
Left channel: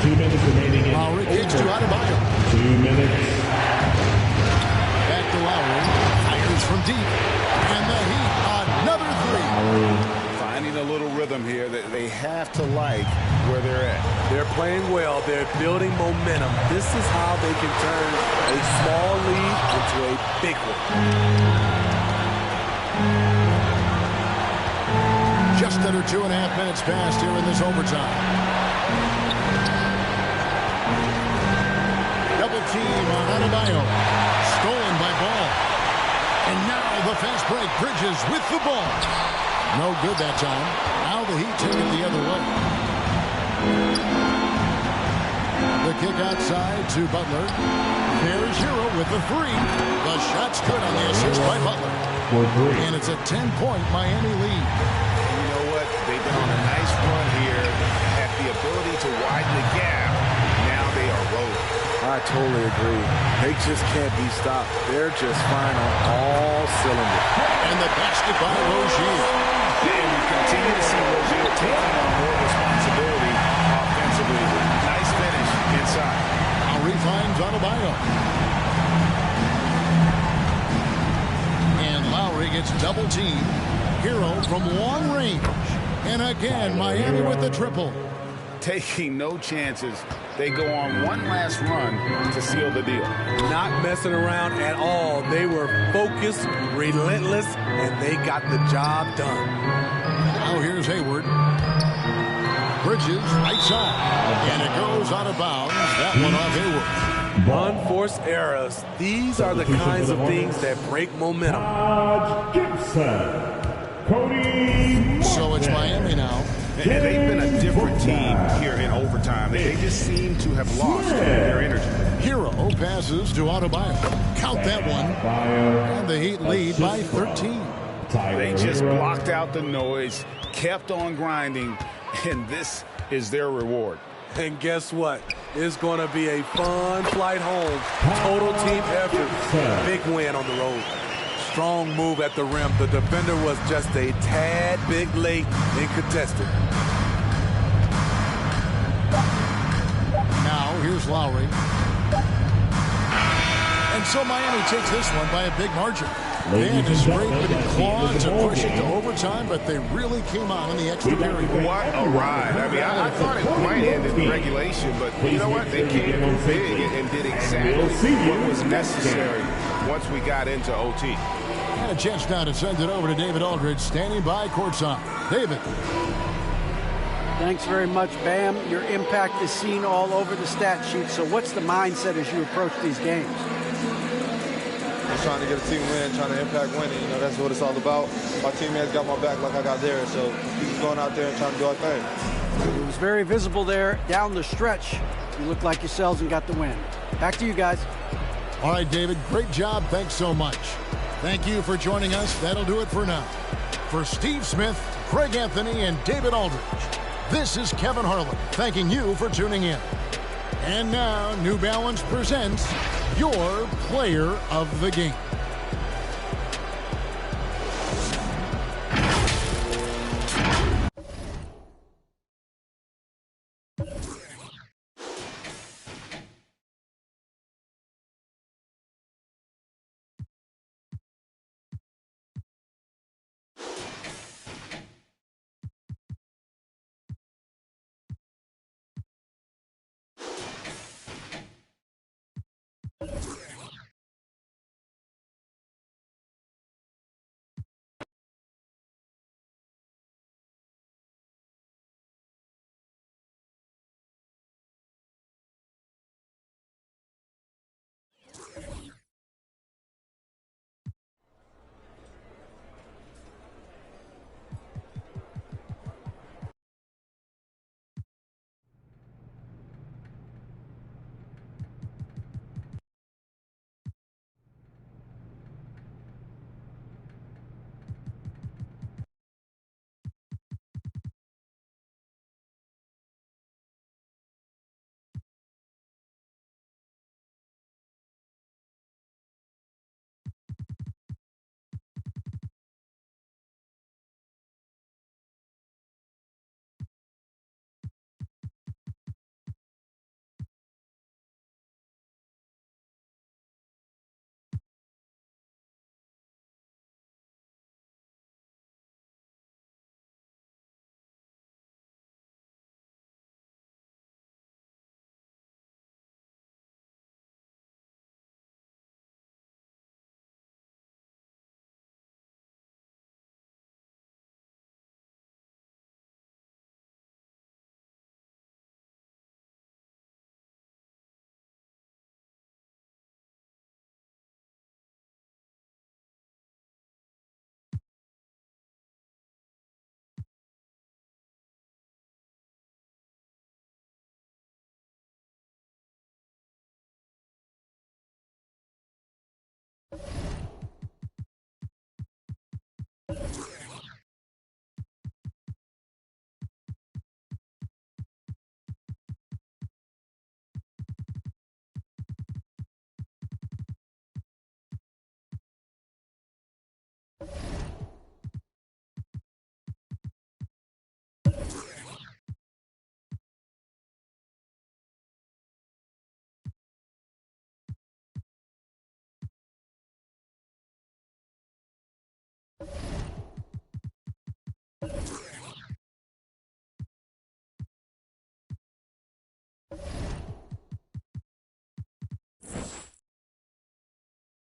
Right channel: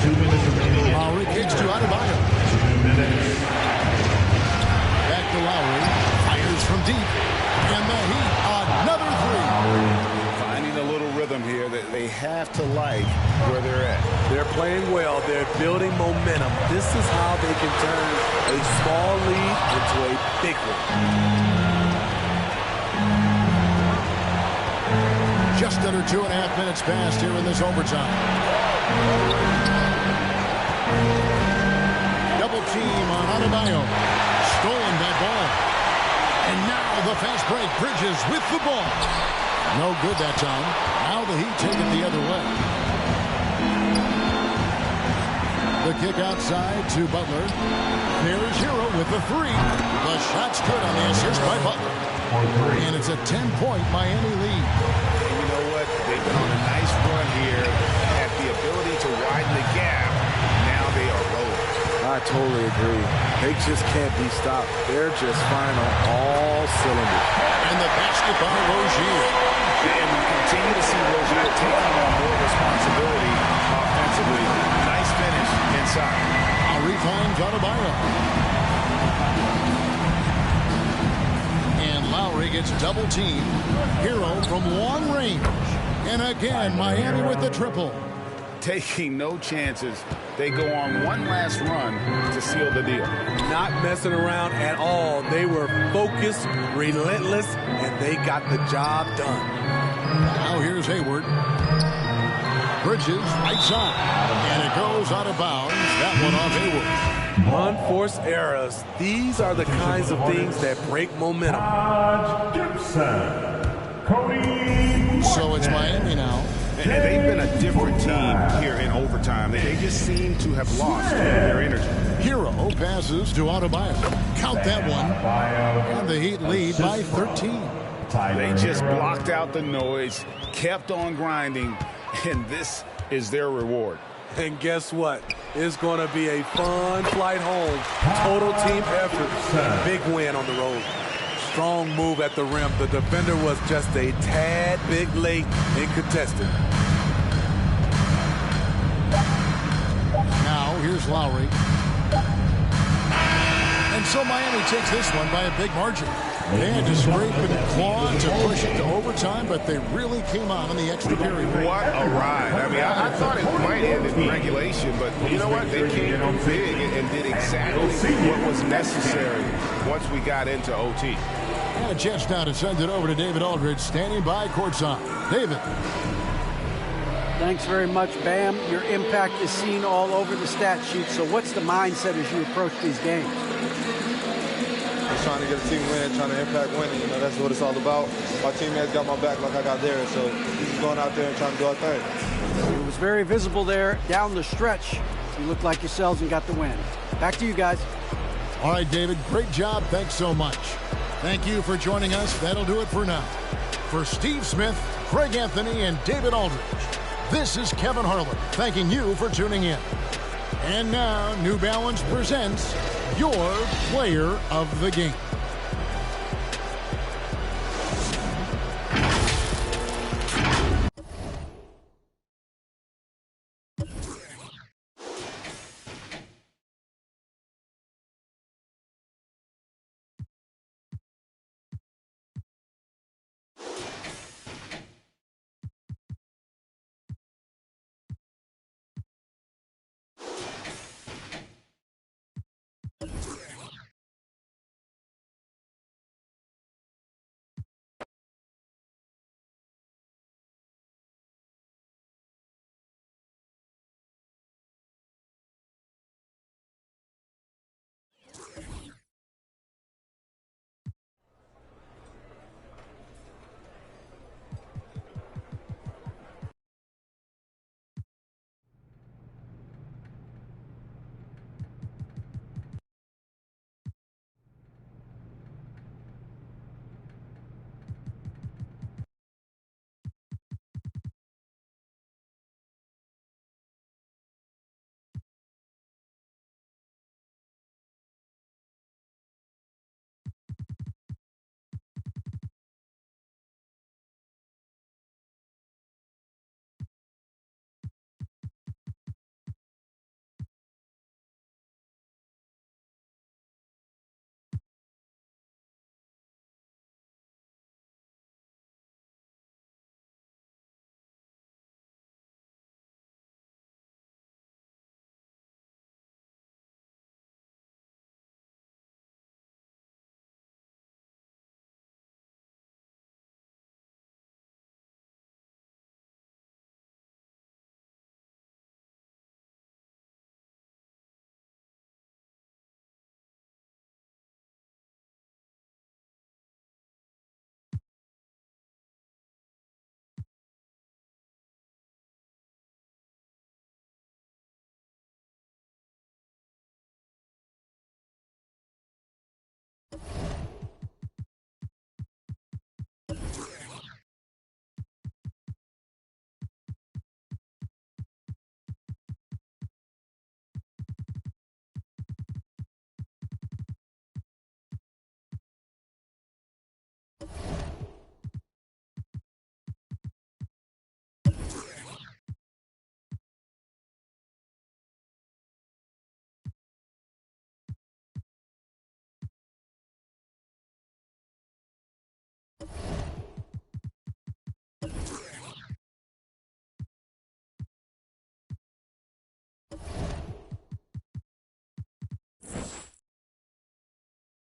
2 minutes remaining. Lowry kicks to Adebayo. 2 minutes. Back to Lowry. Fires from deep. And the Heat, another 3. Finding a little rhythm here that they have to like where they're at. They're playing well. They're building momentum. This is how they can turn a small lead into a big one. Just under 2.5 minutes passed here in this overtime. double team on Adebayo. Stolen by Ball. And now the fast break. Bridges with the ball. No good that time. Now the Heat take it the other way. The kick outside to Butler. There's Hero with the three. The shot's good on the assist by Butler. And it's a 10-point Miami lead. And you know what? They've been on a nice run here. Had the ability to widen the gap. Now they are rolling. I totally agree. They just can't be stopped. They're just firing on all cylinders. And the basket by Rozier. And we continue to see Rozier taking on more responsibility offensively. Nice finish inside. Lowry finds Adebayo. And Lowry gets double teamed. Hero from long range. And again, Miami with the triple. Taking no chances. They go on one last run to seal the deal. Not messing around at all. They were focused, relentless, and they got the job done. Now here's Hayward. Bridges, right side. And it goes out of bounds. That one off Hayward. Unforced errors. These are the kinds of things that break momentum. So it's Miami now. And they've been a different team here in overtime. They just seem to have lost their energy. Hero passes to Adebayo. Count that one. And the Heat lead by 13. They just blocked out the noise, kept on grinding, and this is their reward. And guess what? It's going to be a fun flight home. Total team effort. Big win on the road. Strong move at the rim. The defender was just a tad bit late in contesting. Now here's Lowry. And so Miami takes this one by a big margin. They had to scrape and claw to push it to overtime, but they really came on in the extra period. What a ride. I mean, I thought it might end in regulation, but you know what? They came through big and did exactly what was necessary once we got into OT. And a chance now to send it over to David Aldridge, standing by courtside. David. Thanks very much, Bam. Your impact is seen all over the stat sheet. So what's the mindset as you approach these games? Just trying to get a team win, trying to impact winning. You know, that's what it's all about. My teammates got my back like I got theirs. So we're just going out there and trying to do our thing. It was very visible there down the stretch. You looked like yourselves and got the win. Back to you guys. All right, David, great job. Thanks so much. Thank you for joining us. That'll do it for now. For Steve Smith, Craig Anthony, and David Aldridge, this is Kevin Harlan thanking you for tuning in. And now, New Balance presents your Player of the Game.